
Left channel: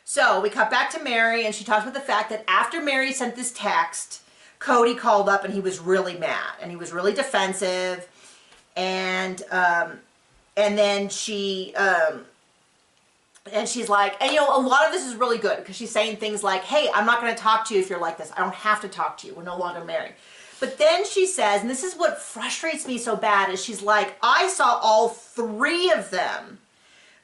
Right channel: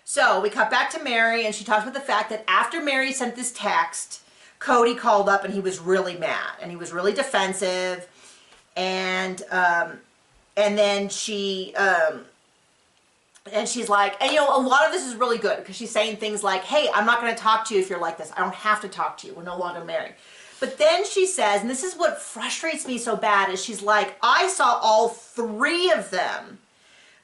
So we cut back to Meri, and she talks about the fact that after Meri sent this text, Kody called up and he was really mad and he was really defensive, and then she and she's like, and a lot of this is really good because she's saying things like, hey, I'm not going to talk to you if you're like this. I don't have to talk to you. We're no longer married. But then she says, and this is what frustrates me so bad, is she's like, I saw all three of them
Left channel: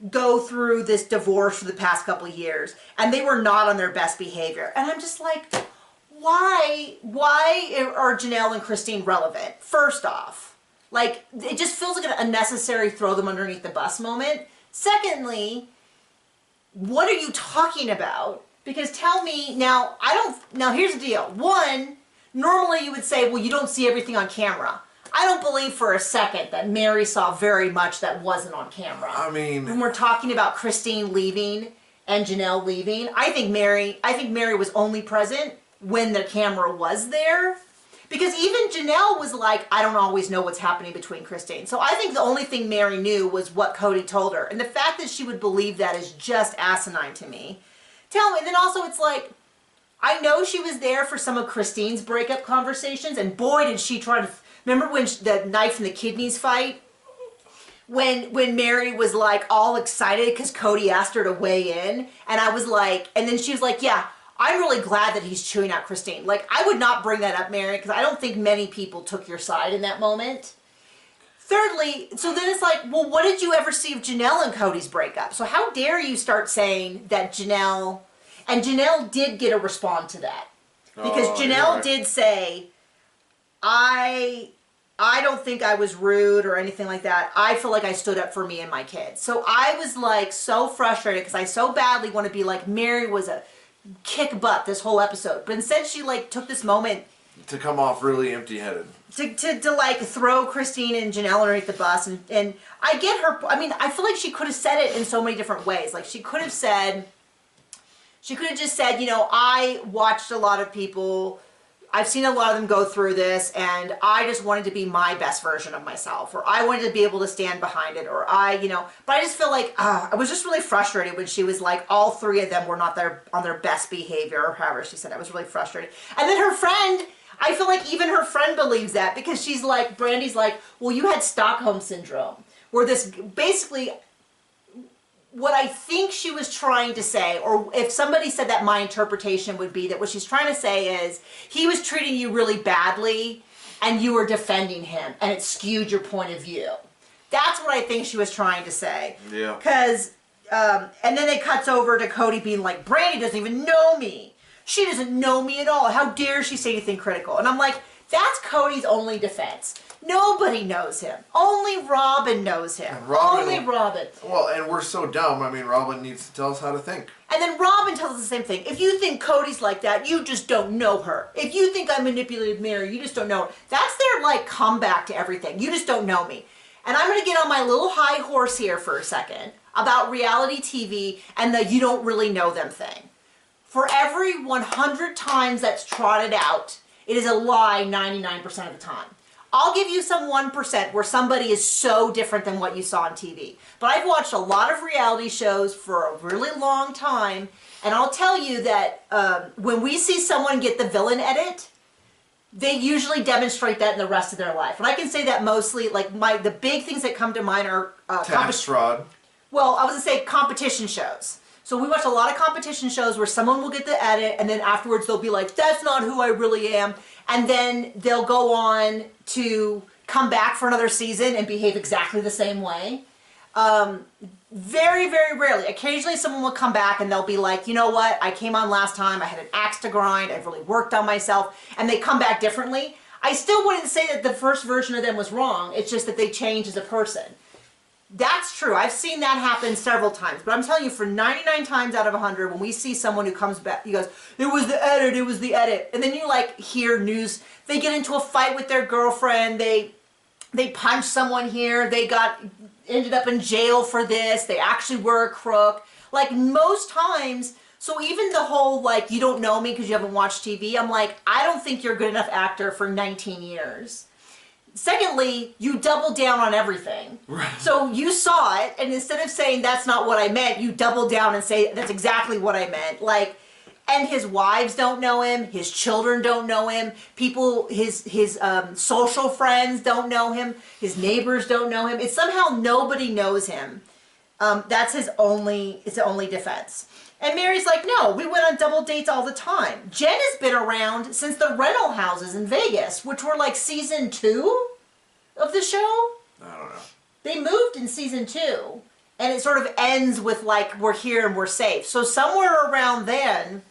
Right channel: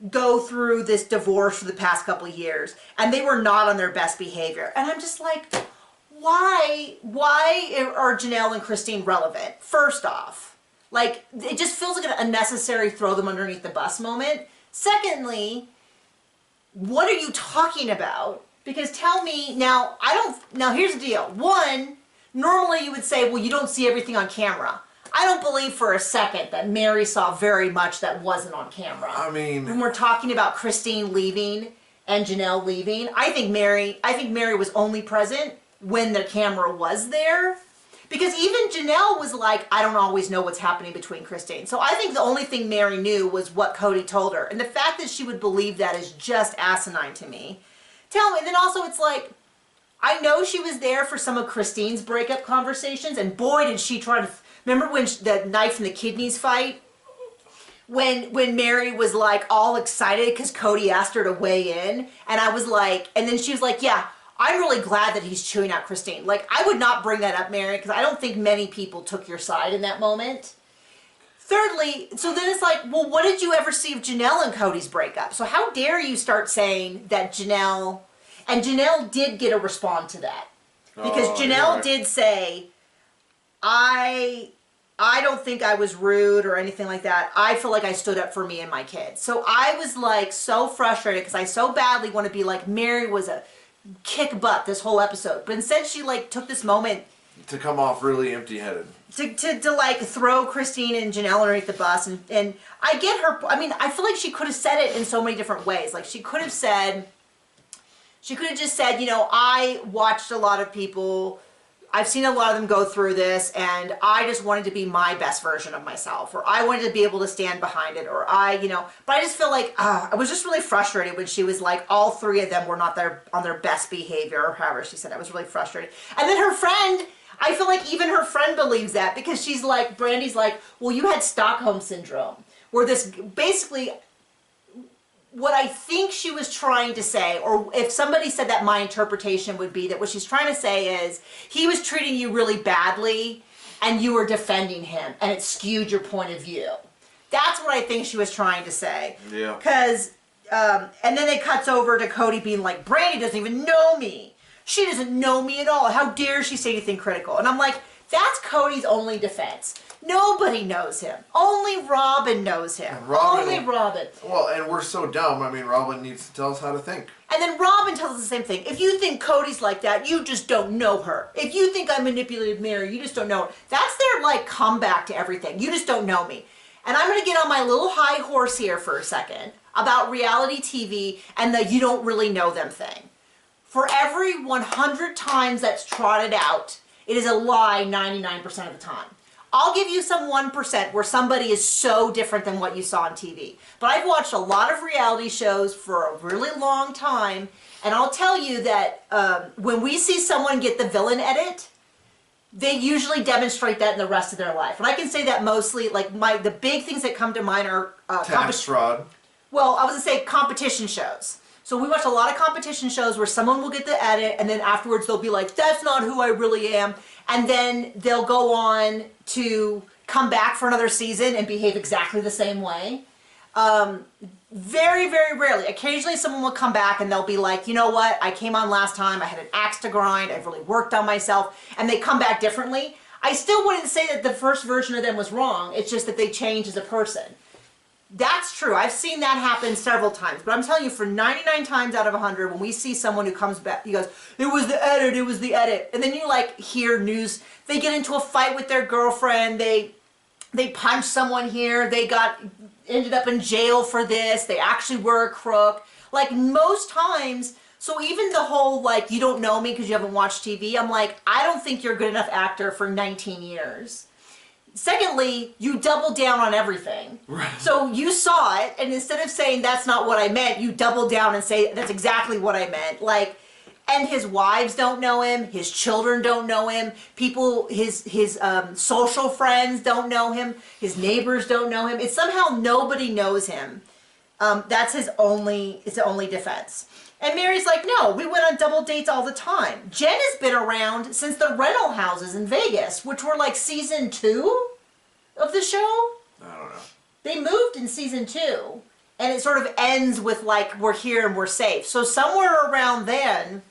go through this divorce for the past couple of years and they were not on their best behavior. And I'm just like, why are Janelle and Christine relevant? First off, like it just feels like an unnecessary throw them underneath the bus moment. Secondly, what are you talking about? Because tell me now, here's the deal. One, normally you would say, well, you don't see everything on camera. I don't believe for a second that Meri saw very much that wasn't on camera. I mean, when we're talking about Christine leaving and Janelle leaving, I think Meri was only present when the camera was there. Because even Janelle was like, I don't always know what's happening between Christine. So I think the only thing Meri knew was what Kody told her. And the fact that she would believe that is just asinine to me. And then also it's like, I know she was there for some of Christine's breakup conversations, and boy did she try to, remember when the knife and the kidneys fight? When Meri was like all excited because Kody asked her to weigh in, and I was like, and then she was like, yeah, I'm really glad that he's chewing out Christine. Like, I would not bring that up, Meri, because I don't think many people took your side in that moment. Thirdly, so then it's like, well, what did you ever see of Janelle and Cody's breakup? So how dare you start saying that Janelle did get a response to that. Because Janelle did say, I don't think I was rude or anything like that. I feel like I stood up for me and my kids. So I was like so frustrated because I so badly want to be like, Meri was a kick butt this whole episode, but instead she like took this moment to come off really empty-headed, to like throw Christine and Janelle underneath the bus, and I get her. I mean, I feel like she could have said it in so many different ways. Like she could have just said, I watched a lot of people, I've seen a lot of them go through this, and I just wanted to be my best version of myself, or I wanted to be able to stand behind it, or but I just feel like I was just really frustrated when she was like, all three of them were not on their best behavior, or however she said it. I was really frustrated. And then her friend, I feel like even her friend believes that, because she's like, Brandy's like, well, you had Stockholm Syndrome, where this basically, what I think she was trying to say, or if somebody said that, my interpretation would be that what she's trying to say is he was treating you really badly and you were defending him and it skewed your point of view. That's what I think she was trying to say. Yeah. Because, and then it cuts over to Kody being like, Brandy doesn't even know me. She doesn't know me at all. How dare she say anything critical? And I'm like, that's Cody's only defense. Nobody knows him. Only Robyn knows him. Only Robyn. Well, and we're so dumb. I mean, Robyn needs to tell us how to think. And then Robyn tells us the same thing. If you think Cody's like that, you just don't know her. If you think I manipulated Meri, you just don't know her. That's their, like, comeback to everything. You just don't know me. And I'm going to get on my little high horse here for a second about reality TV and the you don't really know them thing. For every 100 times that's trotted out, it is a lie 99% of the time. I'll give you some 1% where somebody is so different than what you saw on TV. But I've watched a lot of reality shows for a really long time, and I'll tell you that when we see someone get the villain edit, they usually demonstrate that in the rest of their life. And I can say that mostly, like the big things that come to mind are tax fraud. Well, I was gonna say competition shows. So we watch a lot of competition shows where someone will get the edit and then afterwards they'll be like, that's not who I really am. And then they'll go on to come back for another season and behave exactly the same way. Very, very rarely. Occasionally someone will come back and they'll be like, you know what, I came on last time, I had an axe to grind, I've really worked on myself, and they come back differently. I still wouldn't say that the first version of them was wrong, it's just that they changed as a person. That's true. I've seen that happen several times. But I'm telling you, for 99 times out of 100, when we see someone who comes back, he goes, it was the edit, it was the edit. And then you like hear news, they get into a fight with their girlfriend, they punch someone here, ended up in jail for this, they actually were a crook. Like most times, so even the whole like, you don't know me because you haven't watched TV, I'm like, I don't think you're a good enough actor for 19 years. Secondly, you double down on everything. Right. So you saw it, and instead of saying that's not what I meant, you double down and say that's exactly what I meant. Like, and his wives don't know him, his children don't know him, people, his social friends don't know him, his neighbors don't know him. It's somehow nobody knows him. That's his only defense. And Meri's like, no, we went on double dates all the time. Jen has been around since the rental houses in Vegas, which were like season 2 of the show. I don't know. They moved in season 2, and it sort of ends with like, we're here and we're safe. So somewhere around then,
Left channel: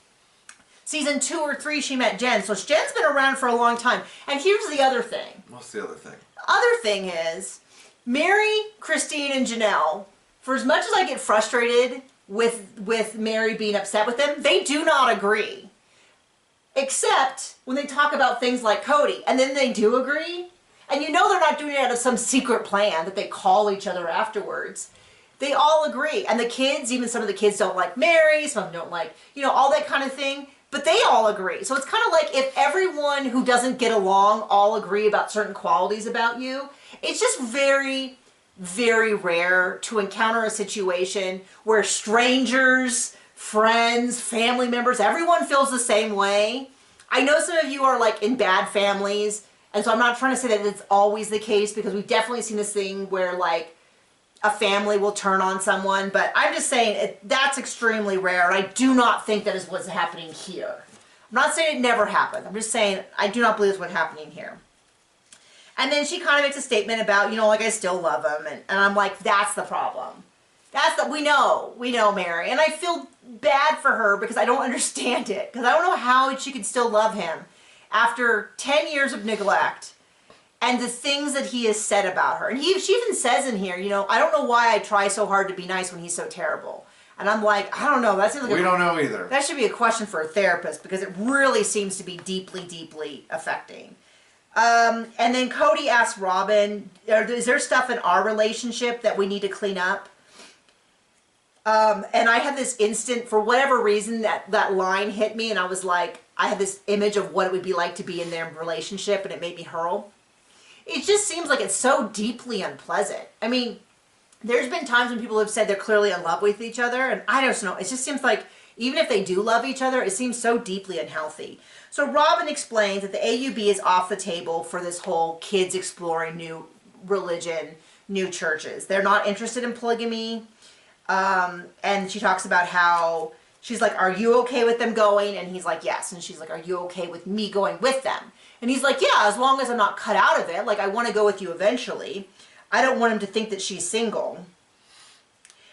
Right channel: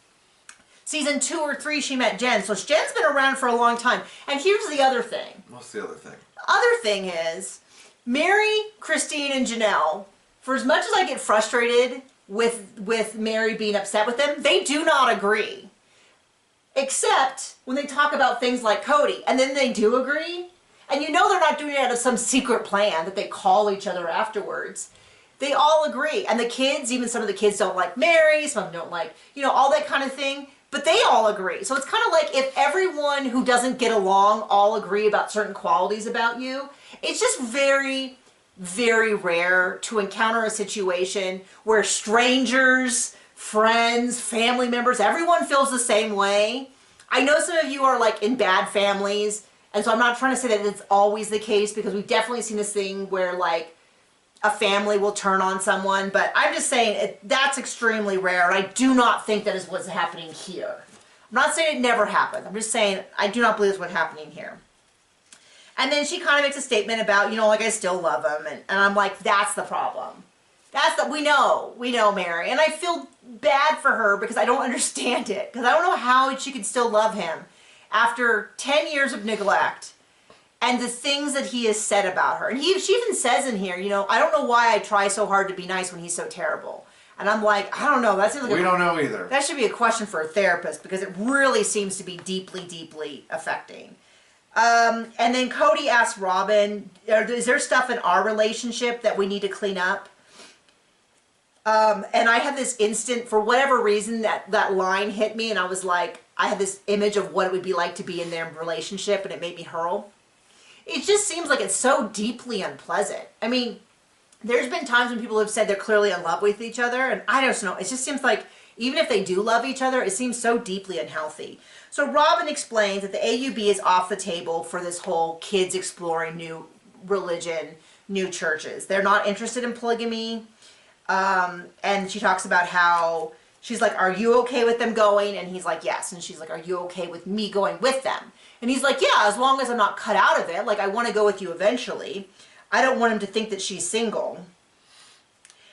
season 2 or 3, she met Jen. So Jen's been around for a long time. And here's the other thing. What's the other thing? The other thing is, Meri, Christine, and Janelle, for as much as I get frustrated with Meri being upset with them, they do not agree. Except when they talk about things like Kody, and then they do agree. And you know they're not doing it out of some secret plan that they call each other afterwards. They all agree. And the kids, even some of the kids don't like Meri, some of them don't like, you know, all that kind of thing. But they all agree. So it's kind of like if everyone who doesn't get along all agree about certain qualities about you, it's just very, very rare to encounter a situation where strangers, friends, family members, everyone feels the same way. I know some of you are like in bad families, and so I'm not trying to say that it's always the case, because we've definitely seen this thing where like a family will turn on someone, but I'm just saying that's extremely rare, and I do not think that is what's happening here. I'm not saying it never happened. I'm just saying I do not believe it's what's happening here. And then she kind of makes a statement about, you know, like, I still love him. And I'm like, that's the problem. We know, Meri. And I feel bad for her because I don't understand it. Because I don't know how she could still love him after 10 years of neglect and the things that he has said about her. And she even says in here, you know, I don't know why I try so hard to be nice when he's so terrible. And I'm like, I don't know. That seems like we don't know either. That should be a question for a therapist, because it really seems to be deeply, deeply affecting. And then Kody asks Robyn, is there stuff in our relationship that we need to clean up? And I had this instant, for whatever reason, that line hit me, and I was like, I had this image of what it would be like to be in their relationship, and it made me hurl. It just seems like it's so deeply unpleasant. I mean, there's been times when people have said they're clearly in love with each other, and I don't know, it just seems like even if they do love each other, it seems so deeply unhealthy. So Robyn explains that the AUB is off the table for this whole kids exploring new religion, new churches. They're not interested in polygamy. And she talks about how, she's like, are you okay with them going? And he's like, yes. And she's like, are you okay with me going with them? And he's like, yeah, as long as I'm not cut out of it. Like, I want to go with you eventually. I don't want him to think that she's single.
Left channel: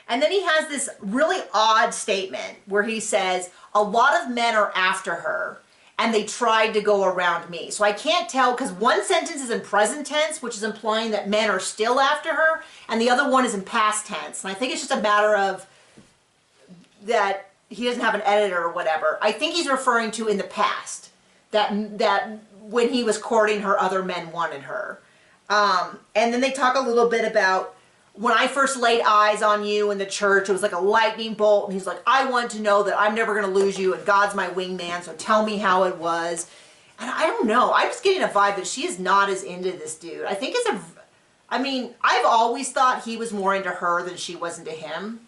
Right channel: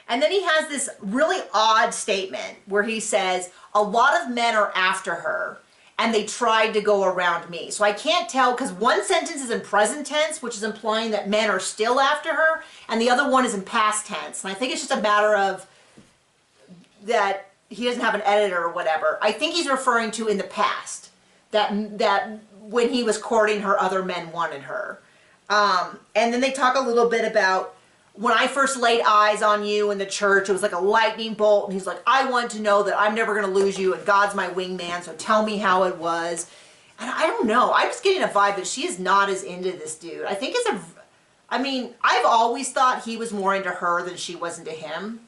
And then he has this really odd statement where he says, a lot of men are after her, and they tried to go around me. So I can't tell, because one sentence is in present tense, which is implying that men are still after her, and the other one is in past tense. And I think it's just a matter of that he doesn't have an editor or whatever. I think he's referring to in the past, that when he was courting her, other men wanted her. And then they talk a little bit about, when I first laid eyes on you in the church, it was like a lightning bolt. And he's like, I want to know that I'm never going to lose you, and God's my wingman, so tell me how it was. And I don't know. I'm just getting a vibe that she is not as into this dude. I think I've always thought he was more into her than she was into him.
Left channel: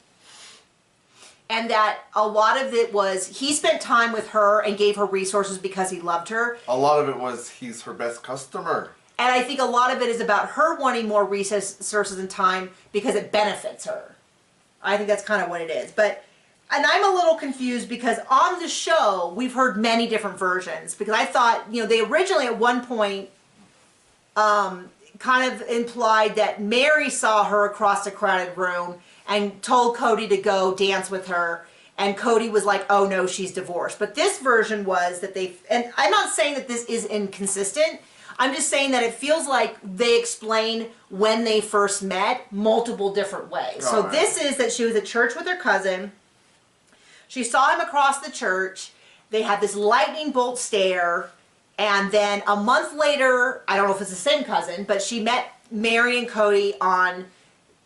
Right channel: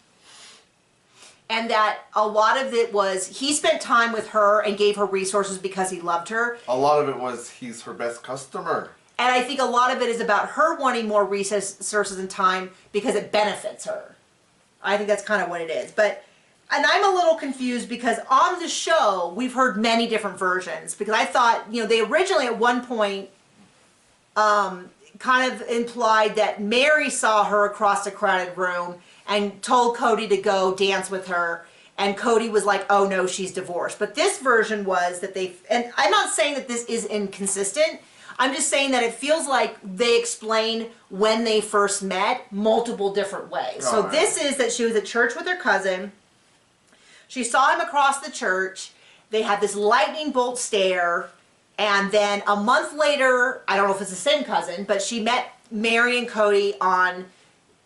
And that a lot of it was, he spent time with her and gave her resources because he loved her. A lot of it was, he's her best customer. And I think a lot of it is about her wanting more resources and time because it benefits her. I think that's kind of what it is. And I'm a little confused because on the show, we've heard many different versions. Because I thought, you know, they originally at one point, kind of implied that Meri saw her across a crowded room and told Kody to go dance with her. And Kody was like, oh no, she's divorced. But this version was that and I'm not saying that this is inconsistent. I'm just saying that it feels like they explain when they first met multiple different ways. So this is that she was at church with her cousin. She saw him across the church. They had this lightning bolt stare. And then a month later, I don't know if it's the same cousin, but she met Meri and Kody on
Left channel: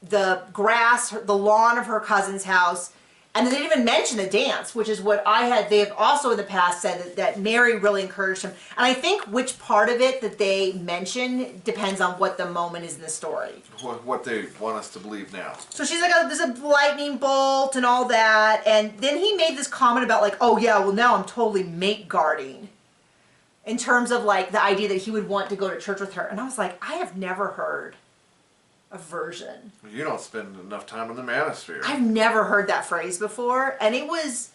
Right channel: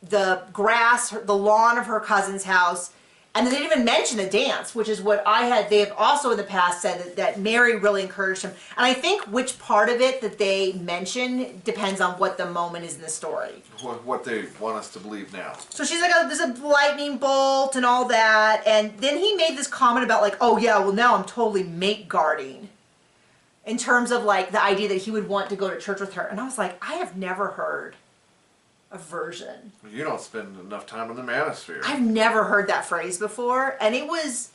the grass, the lawn of her cousin's house. And they didn't even mention the dance, which is what they have also in the past said that Meri really encouraged him. And I think which part of it that they mention depends on what the moment is in the story. What they want us to believe now. So she's like, oh, there's a lightning bolt and all that. And then he made this comment about like, oh yeah, well now I'm totally mate guarding. In terms of like the idea that he would want to go to church with her. And I was like, I have never heard a version. You don't spend enough time in the manosphere. I've never heard that phrase before, and it was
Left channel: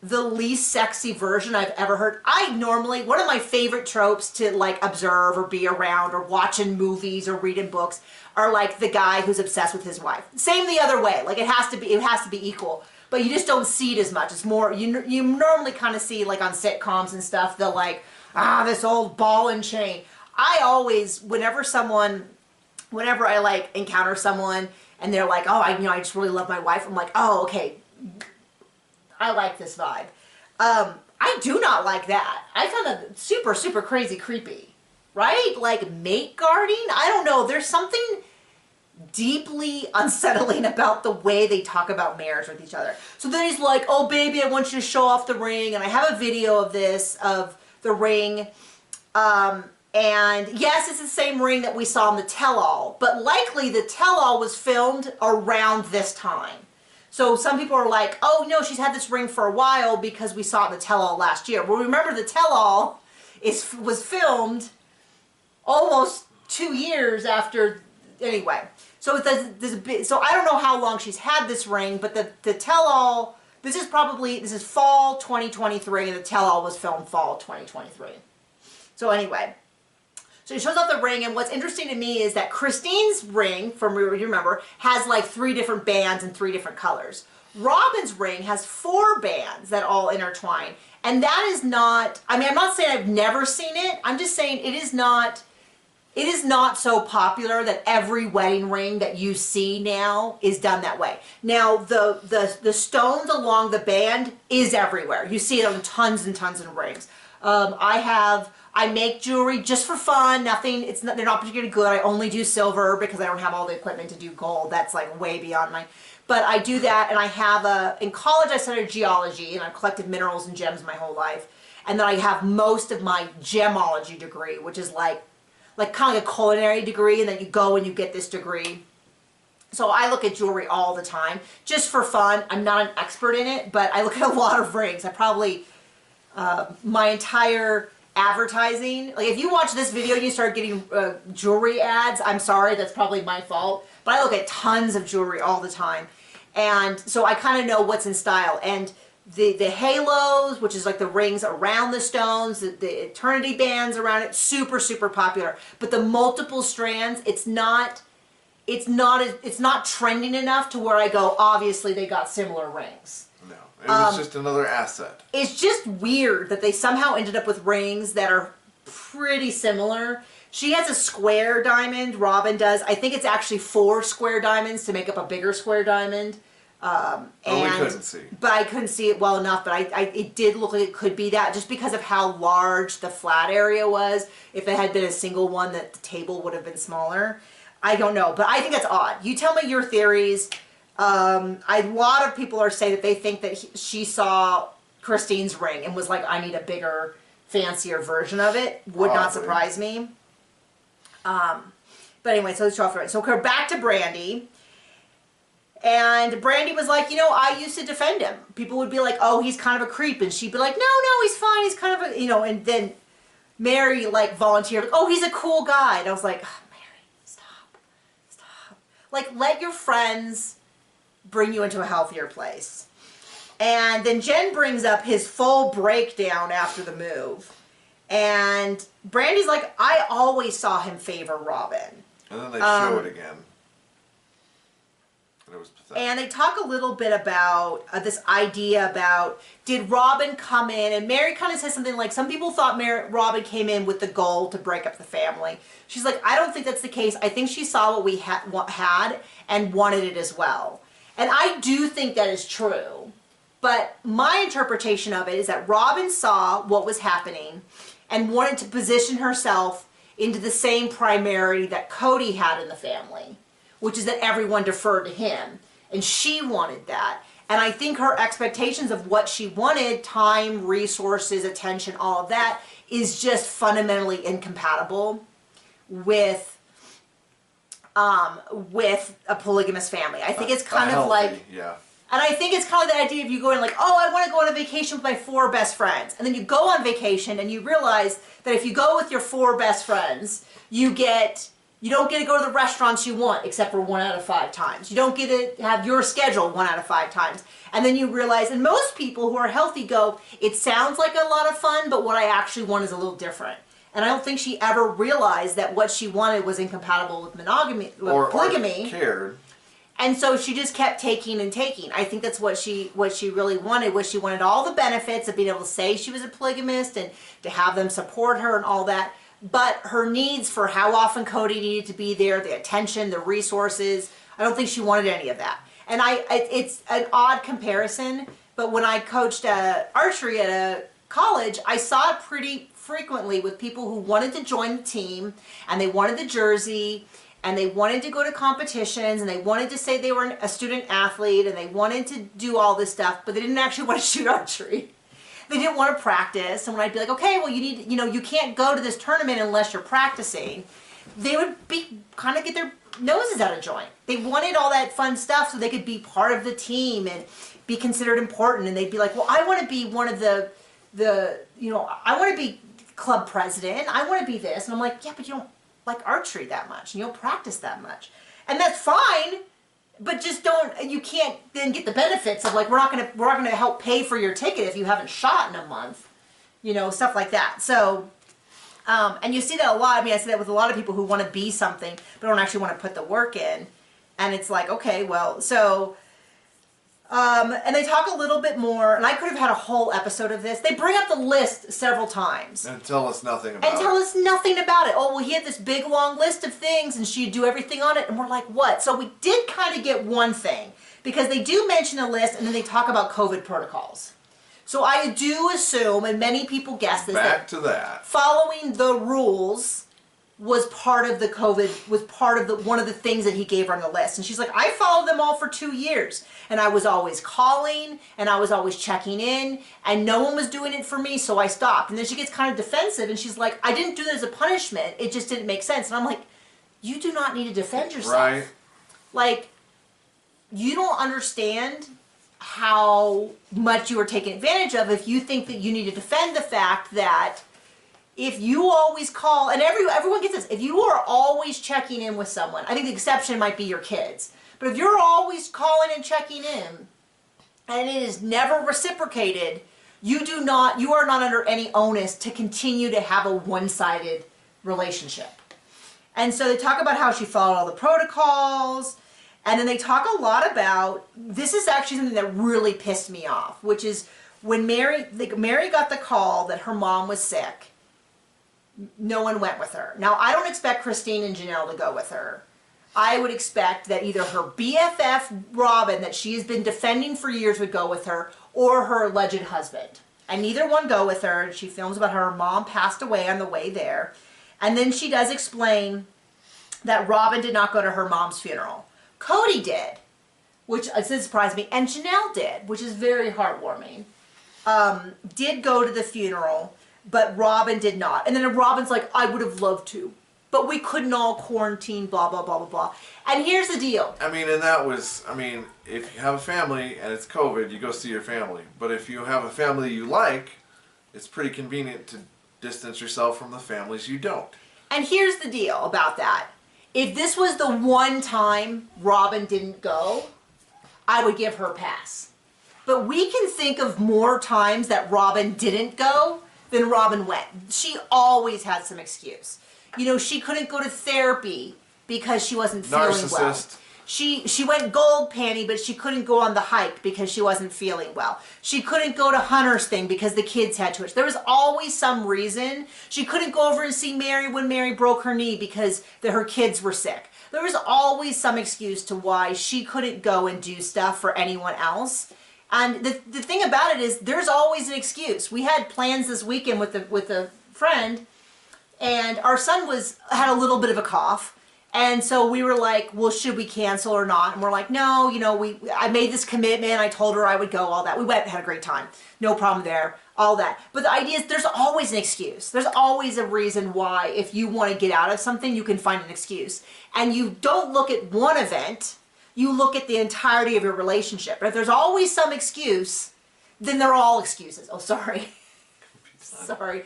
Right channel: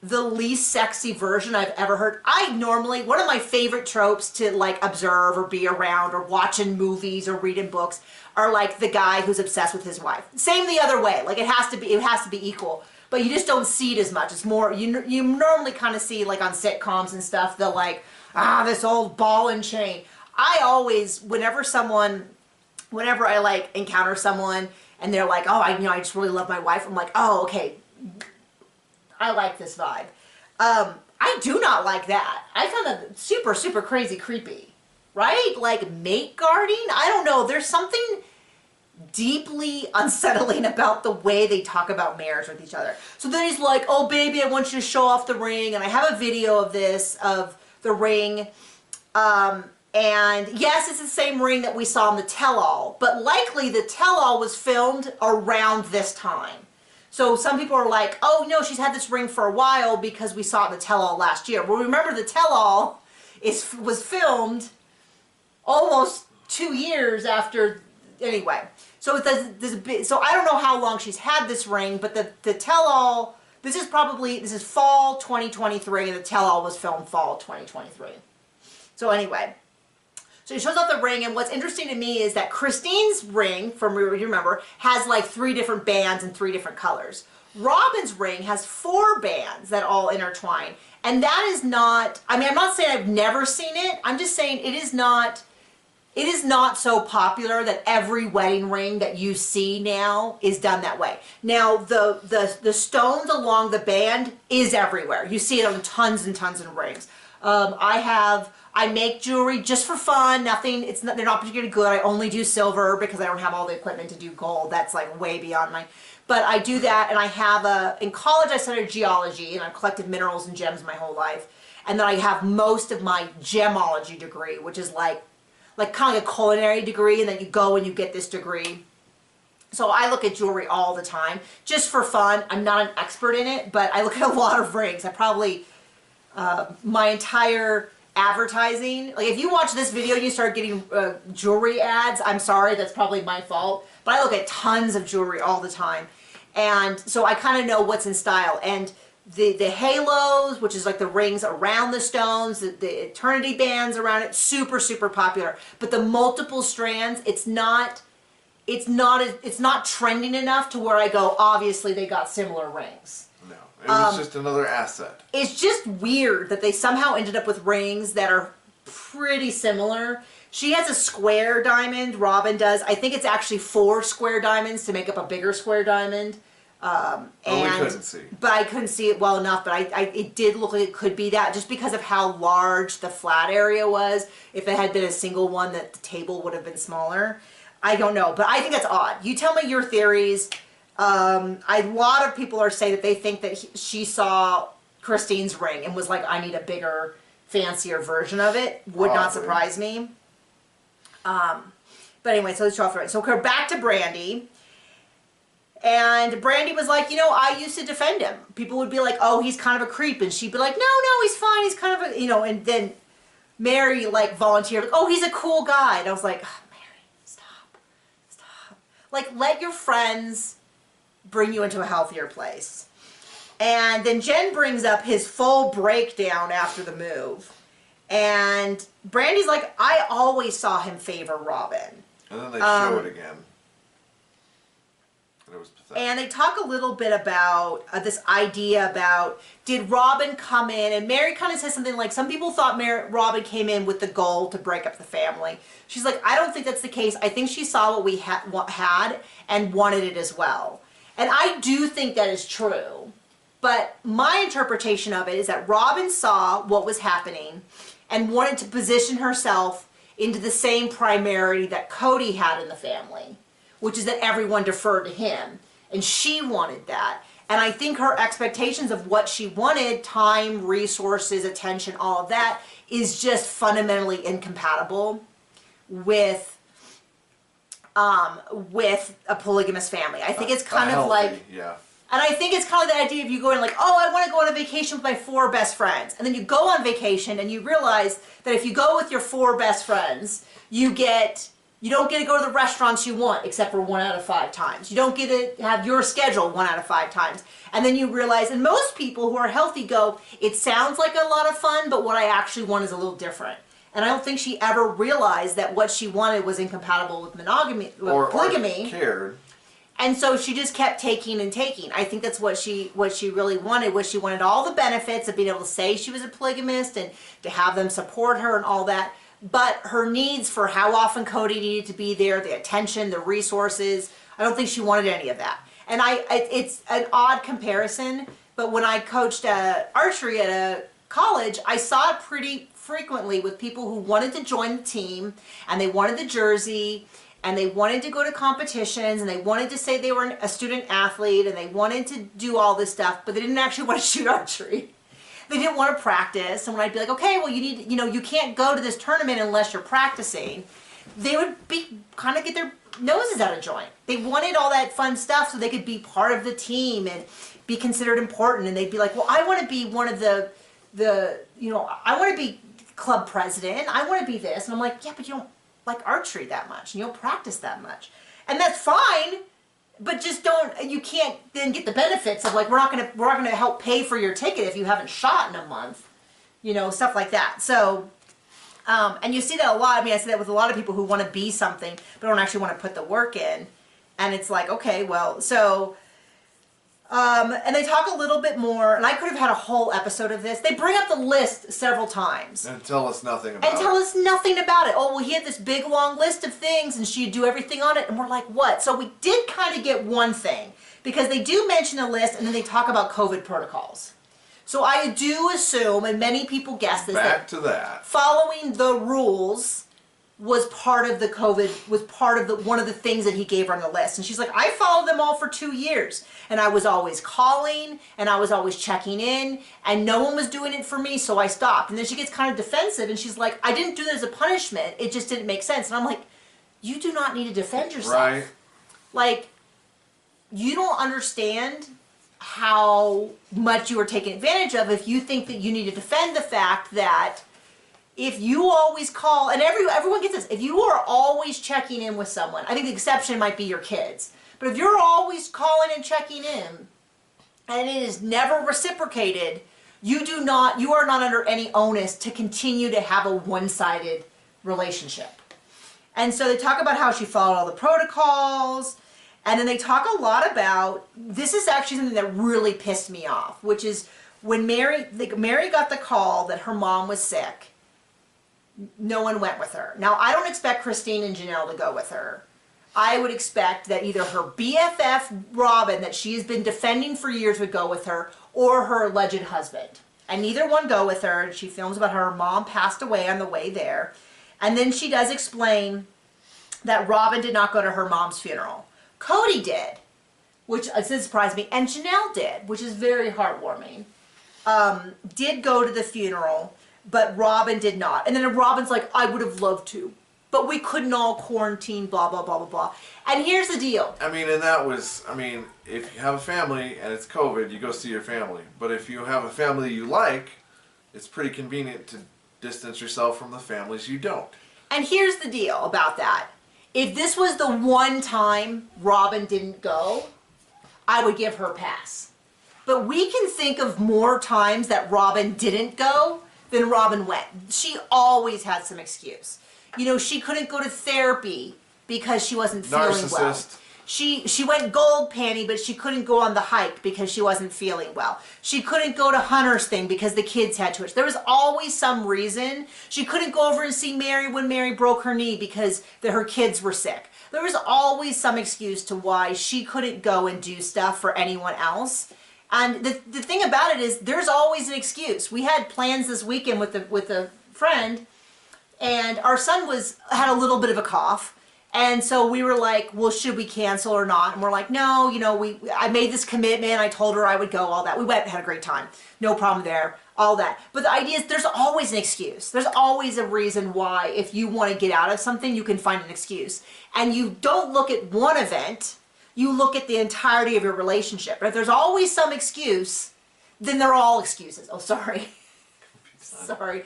the least sexy version I've ever heard. One of my favorite tropes to like observe or be around or watch in movies or read in books are like the guy who's obsessed with his wife. Same the other way. Like it has to be equal. But you just don't see it as much. It's more, you normally kind of see like on sitcoms and stuff, they'll like, this old ball and chain. I always, whenever I like encounter someone and they're like, oh, I just really love my wife. I'm like, oh, okay. I like this vibe. I do not like that. I found it super, super crazy creepy, right? Like mate guarding. I don't know. There's something deeply unsettling about the way they talk about marriage with each other. So then he's like, oh baby, I want you to show off the ring. And I have a video of this, of the ring. And yes, it's the same ring that we saw in the tell-all, but likely the tell-all was filmed around this time. So some people are like, oh no, she's had this ring for a while because we saw it in the tell-all last year. Well, remember the tell-all was filmed almost 2 years after, anyway. So so I don't know how long she's had this ring, but the tell-all, this is fall 2023 and the tell-all was filmed fall 2023. So anyway. So he shows off the ring, and what's interesting to me is that Christine's ring, from you remember, has like 3 different bands and 3 different colors. Robyn's ring has 4 bands that all intertwine. And that is not, I mean, I'm not saying I've never seen it. I'm just saying it is not so popular that every wedding ring that you see now is done that way. Now, the stones along the band is everywhere. You see it on tons and tons of rings. I make jewelry just for fun. They're not particularly good. I only do silver because I don't have all the equipment to do gold. That's like way beyond but I do that, and I have in college I studied geology, and I've collected minerals and gems my whole life. And then I have most of my gemology degree, which is like kind of like a culinary degree, and then you go and you get this degree. So I look at jewelry all the time, just for fun. I'm not an expert in it, but I look at a lot of rings. I probably, my entire advertising, like if you watch this video and you start getting jewelry ads, I'm sorry, that's probably my fault. But I look at tons of jewelry all the time. And so I kind of know what's in style. And the halos, which is like the rings around the stones, the eternity bands around it, super, super popular. But the multiple strands, it's not trending enough to where I go, obviously they got similar rings. No, it was just another asset. It's just weird that they somehow ended up with rings that are pretty similar. She has a square diamond, Robyn does. I think it's actually 4 square diamonds to make up a bigger square diamond. We couldn't see. But I couldn't see it well enough, but it did look like it could be that, just because of how large the flat area was. If it had been a single one, that the table would have been smaller. I don't know, but I think that's odd. You tell me your theories. A lot of people are saying that they think that she saw Christine's ring and was like, I need a bigger, fancier version of it. Would not surprise me. But anyway, so let's show off the ring. So we're back to Brandy. And Brandy was like, I used to defend him. People would be like, oh, he's kind of a creep. And she'd be like, no, he's fine. He's kind of a, and then Meri like volunteered, like, oh, he's a cool guy. And I was like, oh, Meri, stop. Like, let your friends bring you into a healthier place. And then Jen brings up his full breakdown after the move. And Brandy's like, I always saw him favor Robyn. And then they show it again. And it was pathetic. And they talk a little bit about this idea about, did Robyn come in? And Meri kind of says something like, some people thought Robyn came in with the goal to break up the family. She's like, I don't think that's the case. I think she saw what we had and wanted it as well. And I do think that is true. But my interpretation of it is that Robyn saw what was happening and wanted to position herself into the same priority that Kody had in the family, which is that everyone deferred to him. And she wanted that. And I think her expectations of what she wanted, time, resources, attention, all of that, is just fundamentally incompatible with a polygamous family. I think it's kind of healthy, like... Yeah. And I think it's kind of the idea of you going like, oh, I want to go on a vacation with my 4 best friends. And then you go on vacation and you realize that if you go with your 4 best friends, you don't get to go to the restaurants you want except for 1 out of 5 times. You don't get to have your schedule 1 out of 5 times. And then you realize, and most people who are healthy go, it sounds like a lot of fun, but what I actually want is a little different. And I don't think she ever realized that what she wanted was incompatible with monogamy, with polygamy. Or cared. And so she just kept taking and taking. I think that's what she really wanted, was she wanted all the benefits of being able to say she was a polygamist and to have them support her and all that. But her needs for how often Kody needed to be there, the attention, the resources, I don't think she wanted any of that. And it's an odd comparison, but when I coached archery at a college, I saw it pretty frequently with people who wanted to join the team and they wanted the jersey and they wanted to go to competitions and they wanted to say they were a student athlete and they wanted to do all this stuff, but they didn't actually want to shoot archery. They didn't want to practice. And when I'd be like, okay, well, you can't go to this tournament unless you're practicing, they would kind of get their noses out of joint. They wanted all that fun stuff so they could be part of the team and be considered important. And they'd be like, well, I want to be one of the I want to be club president. I want to be this. And I'm like, yeah, but you don't like archery that much and you don't practice that much. And that's fine, but just you can't then get the benefits of like, we're not going to help pay for your ticket if you haven't shot in a month, stuff like that. So, and you see that a lot. I mean, I see that with a lot of people who want to be something, but don't actually want to put the work in. And it's like, okay, well, so, and they talk a little bit more, and I could have had a whole episode of this. They bring up the list several times. And tell us nothing about it. And tell us nothing about it. Oh, well, he had this big, long list of things, and she'd do everything on it, and we're like, what? So we did kind of get one thing, because they do mention a list, and then they talk about COVID protocols. So I do assume, and many people guess this, back to that. Following the rules was part of the COVID, was part of one of the things that he gave her on the list. And she's like, I followed them all for 2 years. And I was always calling, and I was always checking in, and no one was doing it for me, so I stopped. And then she gets kind of defensive, and she's like, I didn't do that as a punishment. It just didn't make sense. And I'm like, you do not need to defend yourself. Right. Like, you don't understand how much you are taken advantage of if you think that you need to defend the fact that if you always call, and everyone gets this, if you are always checking in with someone, I think the exception might be your kids, but if you're always calling and checking in, and it is never reciprocated, you are not under any onus to continue to have a one-sided relationship. And so they talk about how she followed all the protocols, and then they talk a lot about, this is actually something that really pissed me off, which is when Meri got the call that her mom was sick, no one went with her. Now, I don't expect Christine and Janelle to go with her. I would expect that either her BFF, Robyn, that she has been defending for years, would go with her, or her alleged husband. And neither one go with her. She films about how her mom passed away on the way there. And then she does explain that Robyn did not go to her mom's funeral. Kody did, which surprised me, and Janelle did, which is very heartwarming. Did go to the funeral, but Robyn did not. And then Robyn's like, I would have loved to, but we couldn't all quarantine, blah, blah, blah, blah, blah. And here's the deal. I mean, and that was, if you have a family and it's COVID, you go see your family. But if you have a family you like, it's pretty convenient to distance yourself from the families you don't. And here's the deal about that. If this was the one time Robyn didn't go, I would give her a pass. But we can think of more times that Robyn didn't go then Robyn went. She always had some excuse. You know, she couldn't go to therapy because she wasn't feeling well. She went gold panty, but she couldn't go on the hike because she wasn't feeling well. She couldn't go to Hunter's thing because the kids had to. There was always some reason. She couldn't go over and see Meri when Meri broke her knee because her kids were sick. There was always some excuse to why she couldn't go and do stuff for anyone else. And the thing about it is there's always an excuse. We had plans this weekend with a friend, and our son had a little bit of a cough. And so we were like, well, should we cancel or not? And we're like, no, you know, I made this commitment. I told her I would go, all that. We went and had a great time. No problem there, all that. But the idea is there's always an excuse. There's always a reason why if you want to get out of something, you can find an excuse. And you don't look at one event, you look at the entirety of your relationship. But if there's always some excuse, then they're all excuses. Oh, sorry. Sorry.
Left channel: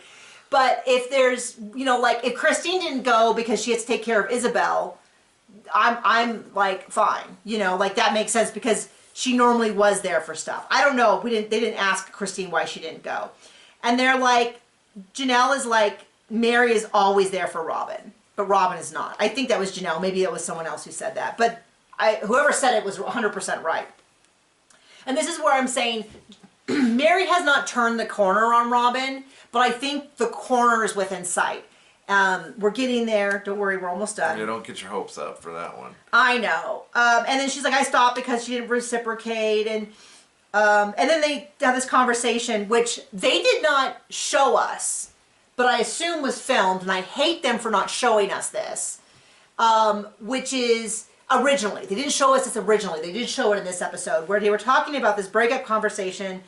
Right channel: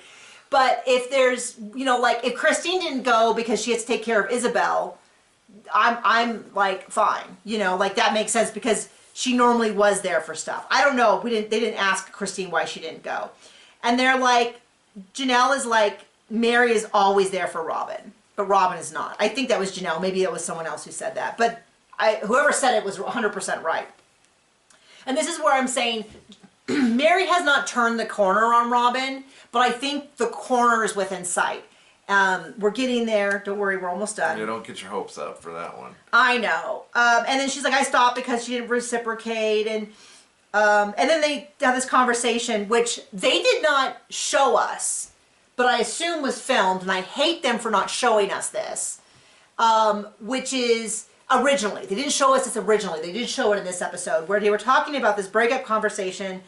But if there's, you know, like if Christine didn't go because she had to take care of Isabel, I'm like, fine. You know, like that makes sense because she normally was there for stuff. I don't know. They didn't ask Christine why she didn't go. And they're like, Janelle is like, Meri is always there for Robyn, but Robyn is not. I think that was Janelle. Maybe it was someone else who said that. But whoever said it was 100% right. And this is where I'm saying Meri has not turned the corner on Robyn, but I think the corner is within sight. We're getting there. Don't worry, we're almost done. You don't get your hopes up for that one. I know. And then she's like, I stopped because she didn't reciprocate. And then they have this conversation, which they did not show us, but I assume was filmed, and I hate them for not showing us this, which is originally. They didn't show us this originally. They did show it in this episode, where they were talking about this breakup conversation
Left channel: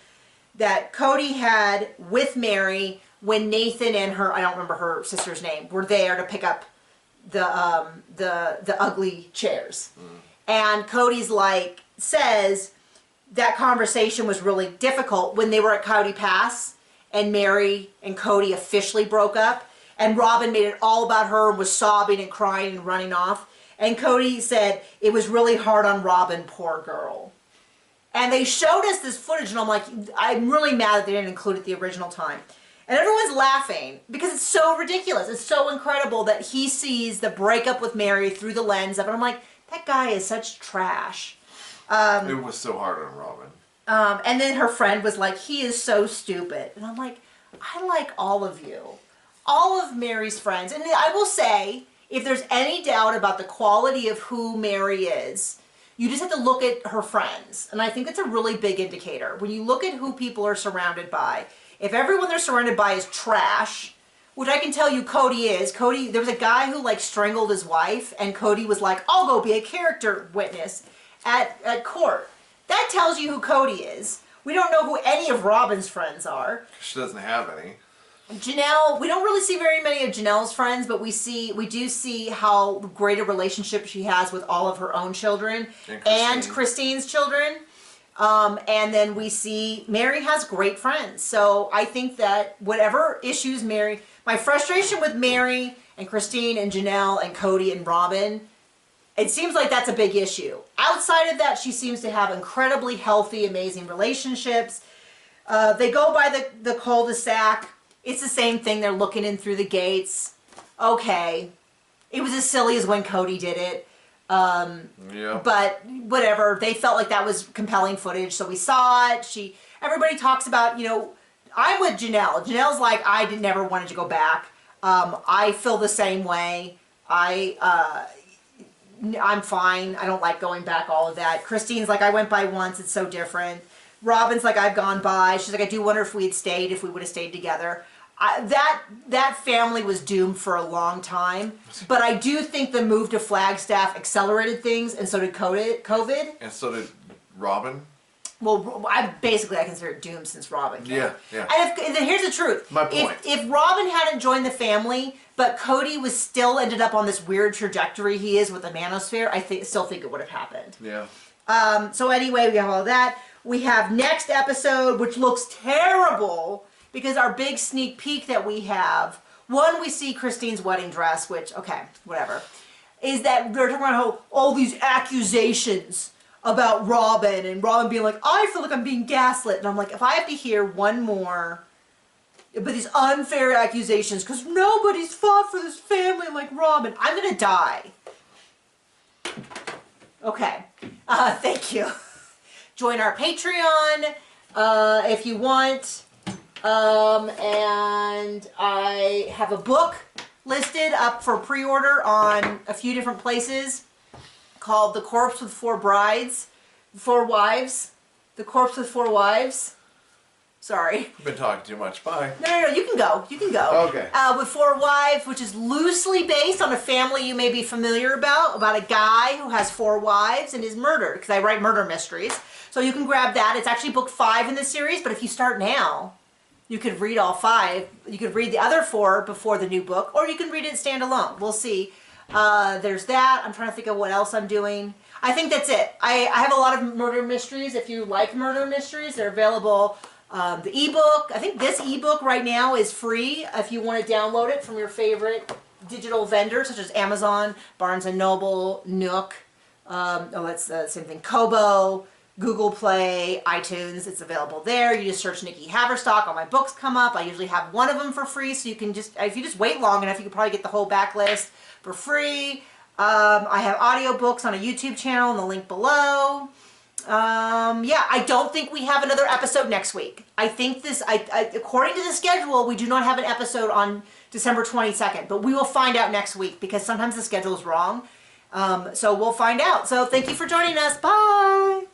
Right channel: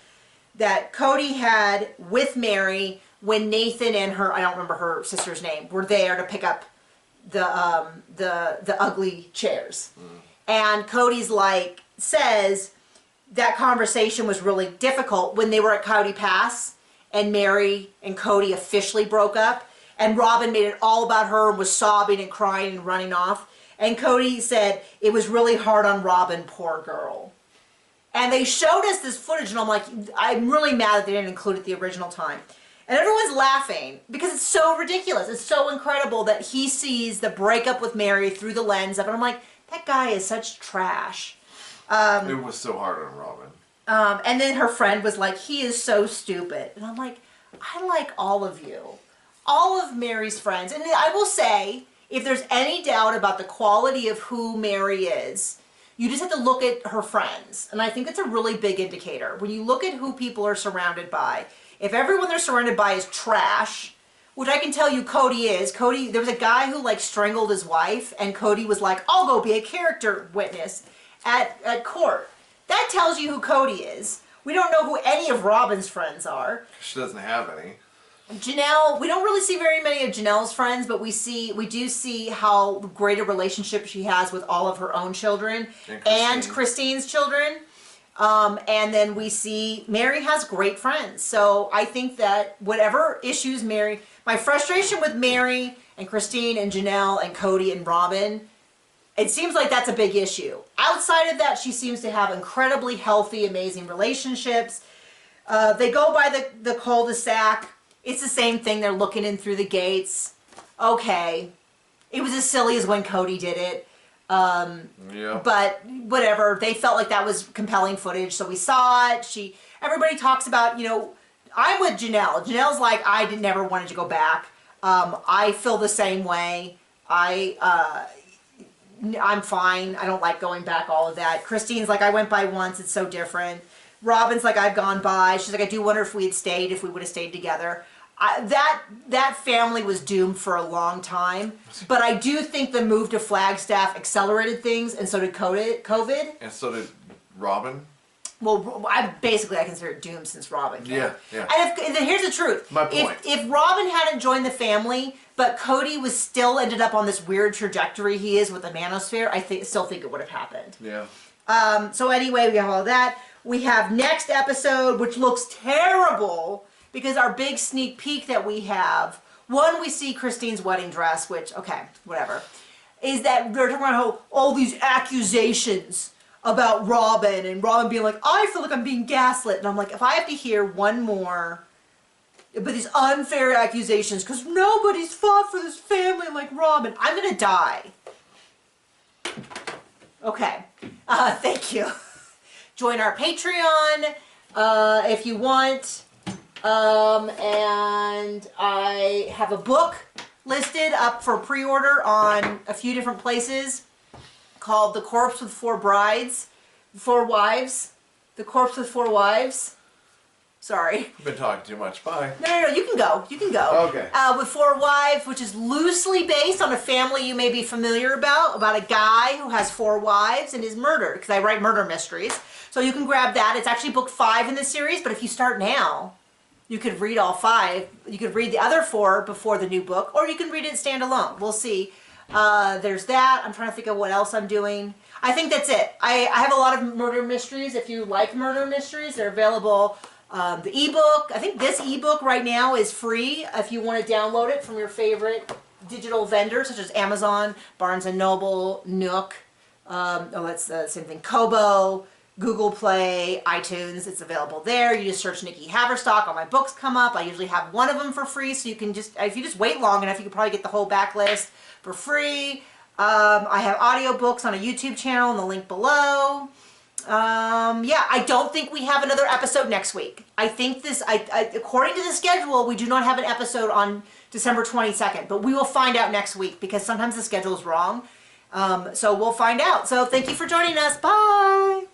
that Kody had with Meri when Nathan and her, I don't remember her sister's name, were there to pick up the ugly chairs. And Cody's like, says that conversation was really difficult when they were at Coyote Pass and Meri and Kody officially broke up, and Robyn made it all about her and was sobbing and crying and running off. And Kody said it was really hard on Robyn, poor girl. And they showed us this footage, and I'm like, I'm really mad that they didn't include it the original time. And everyone's laughing because it's so ridiculous. It's so incredible that he sees the breakup with Meri through the lens of it. I'm like, that guy is such trash. It was so hard on Robyn. And then her friend was like, he is so stupid. And I'm like, I like all of you. All of Meri's friends. And I will say, if there's any doubt about the quality of who Meri is, you just have to look at her friends. And I think that's a really big indicator. When you look at who people are surrounded by, if everyone they're surrounded by is trash, which I can tell you Kody is. Kody, there was a guy who like strangled his wife, and Kody was like, I'll go be a character witness at court. That tells you who Kody is. We don't know who any of Robyn's friends are. She doesn't have any. Janelle, we don't really see very many of Janelle's friends, but we do see how great a relationship she has with all of her own children and Christine's children. And then we see Meri has great friends. So I think that whatever issues Meri, my frustration with Meri and Christine and Janelle and Kody and Robyn, it seems like that's a big issue. Outside of that, she seems to have incredibly healthy, amazing relationships. They go by the cul-de-sac. It's the same thing. They're looking in through the gates. Okay. It was as silly as when Kody did it. Yeah. But whatever. They felt like that was compelling footage, so we saw it. Everybody talks about, you know, I'm with Janelle. Janelle's like, I never wanted to go back. I feel the same way. I'm fine. I don't like going back, all of that. Christine's like, I went by once. It's so different. Robyn's like, I've gone by. She's like, I do wonder if we would have stayed together. That family was doomed for a long time. But I do think the move to Flagstaff accelerated things, and so did COVID. And so did Robyn. Well, I consider it doomed since Robyn came. Yeah. And then here's the truth. My point. If Robyn hadn't joined the family, but Kody was still ended up on this weird trajectory he is with the manosphere, I still think it would have happened. Yeah. So anyway, we have all that. We have next episode, which looks terrible because our big sneak peek that we have, one, we see Christine's wedding dress, which, okay, whatever, is that they're talking about how all these accusations about Robyn and Robyn being like, I feel like I'm being gaslit. And I'm like, if I have to hear one more but these unfair accusations because nobody's fought for this family like Robyn. I'm gonna die. Okay, thank you. Join our Patreon if you want. And I have a book listed up for pre-order on a few different places called The Corpse with Four Wives. The Corpse with Four Wives. Sorry. You've been talking too much. Bye. No, you can go. You can go. Okay. With Four Wives, which is loosely based on a family you may be familiar about a guy who has 4 wives and is murdered, because I write murder mysteries. So you can grab that. It's actually book 5 in the series, but if you start now, you could read all 5. You could read the other 4 before the new book, or you can read it standalone. We'll see. There's that. I'm trying to think of what else I'm doing. I think that's it. I have a lot of murder mysteries. If you like murder mysteries, they're available. The ebook, I think this ebook right now is free if you want to download it from your favorite digital vendors such as Amazon, Barnes & Noble, Nook, that's the same thing, Kobo, Google Play, iTunes. It's available there. You just search Nikki Haverstock. All my books come up. I usually have one of them for free, so you can just, if you just wait long enough, you can probably get the whole backlist for free. I have audiobooks on a YouTube channel in the link below. Yeah, I don't think we have another episode next week. I think according to the schedule, we do not have an episode on December 22nd, but we will find out next week because sometimes the schedule is wrong. So we'll find out. So thank you for joining us. Bye.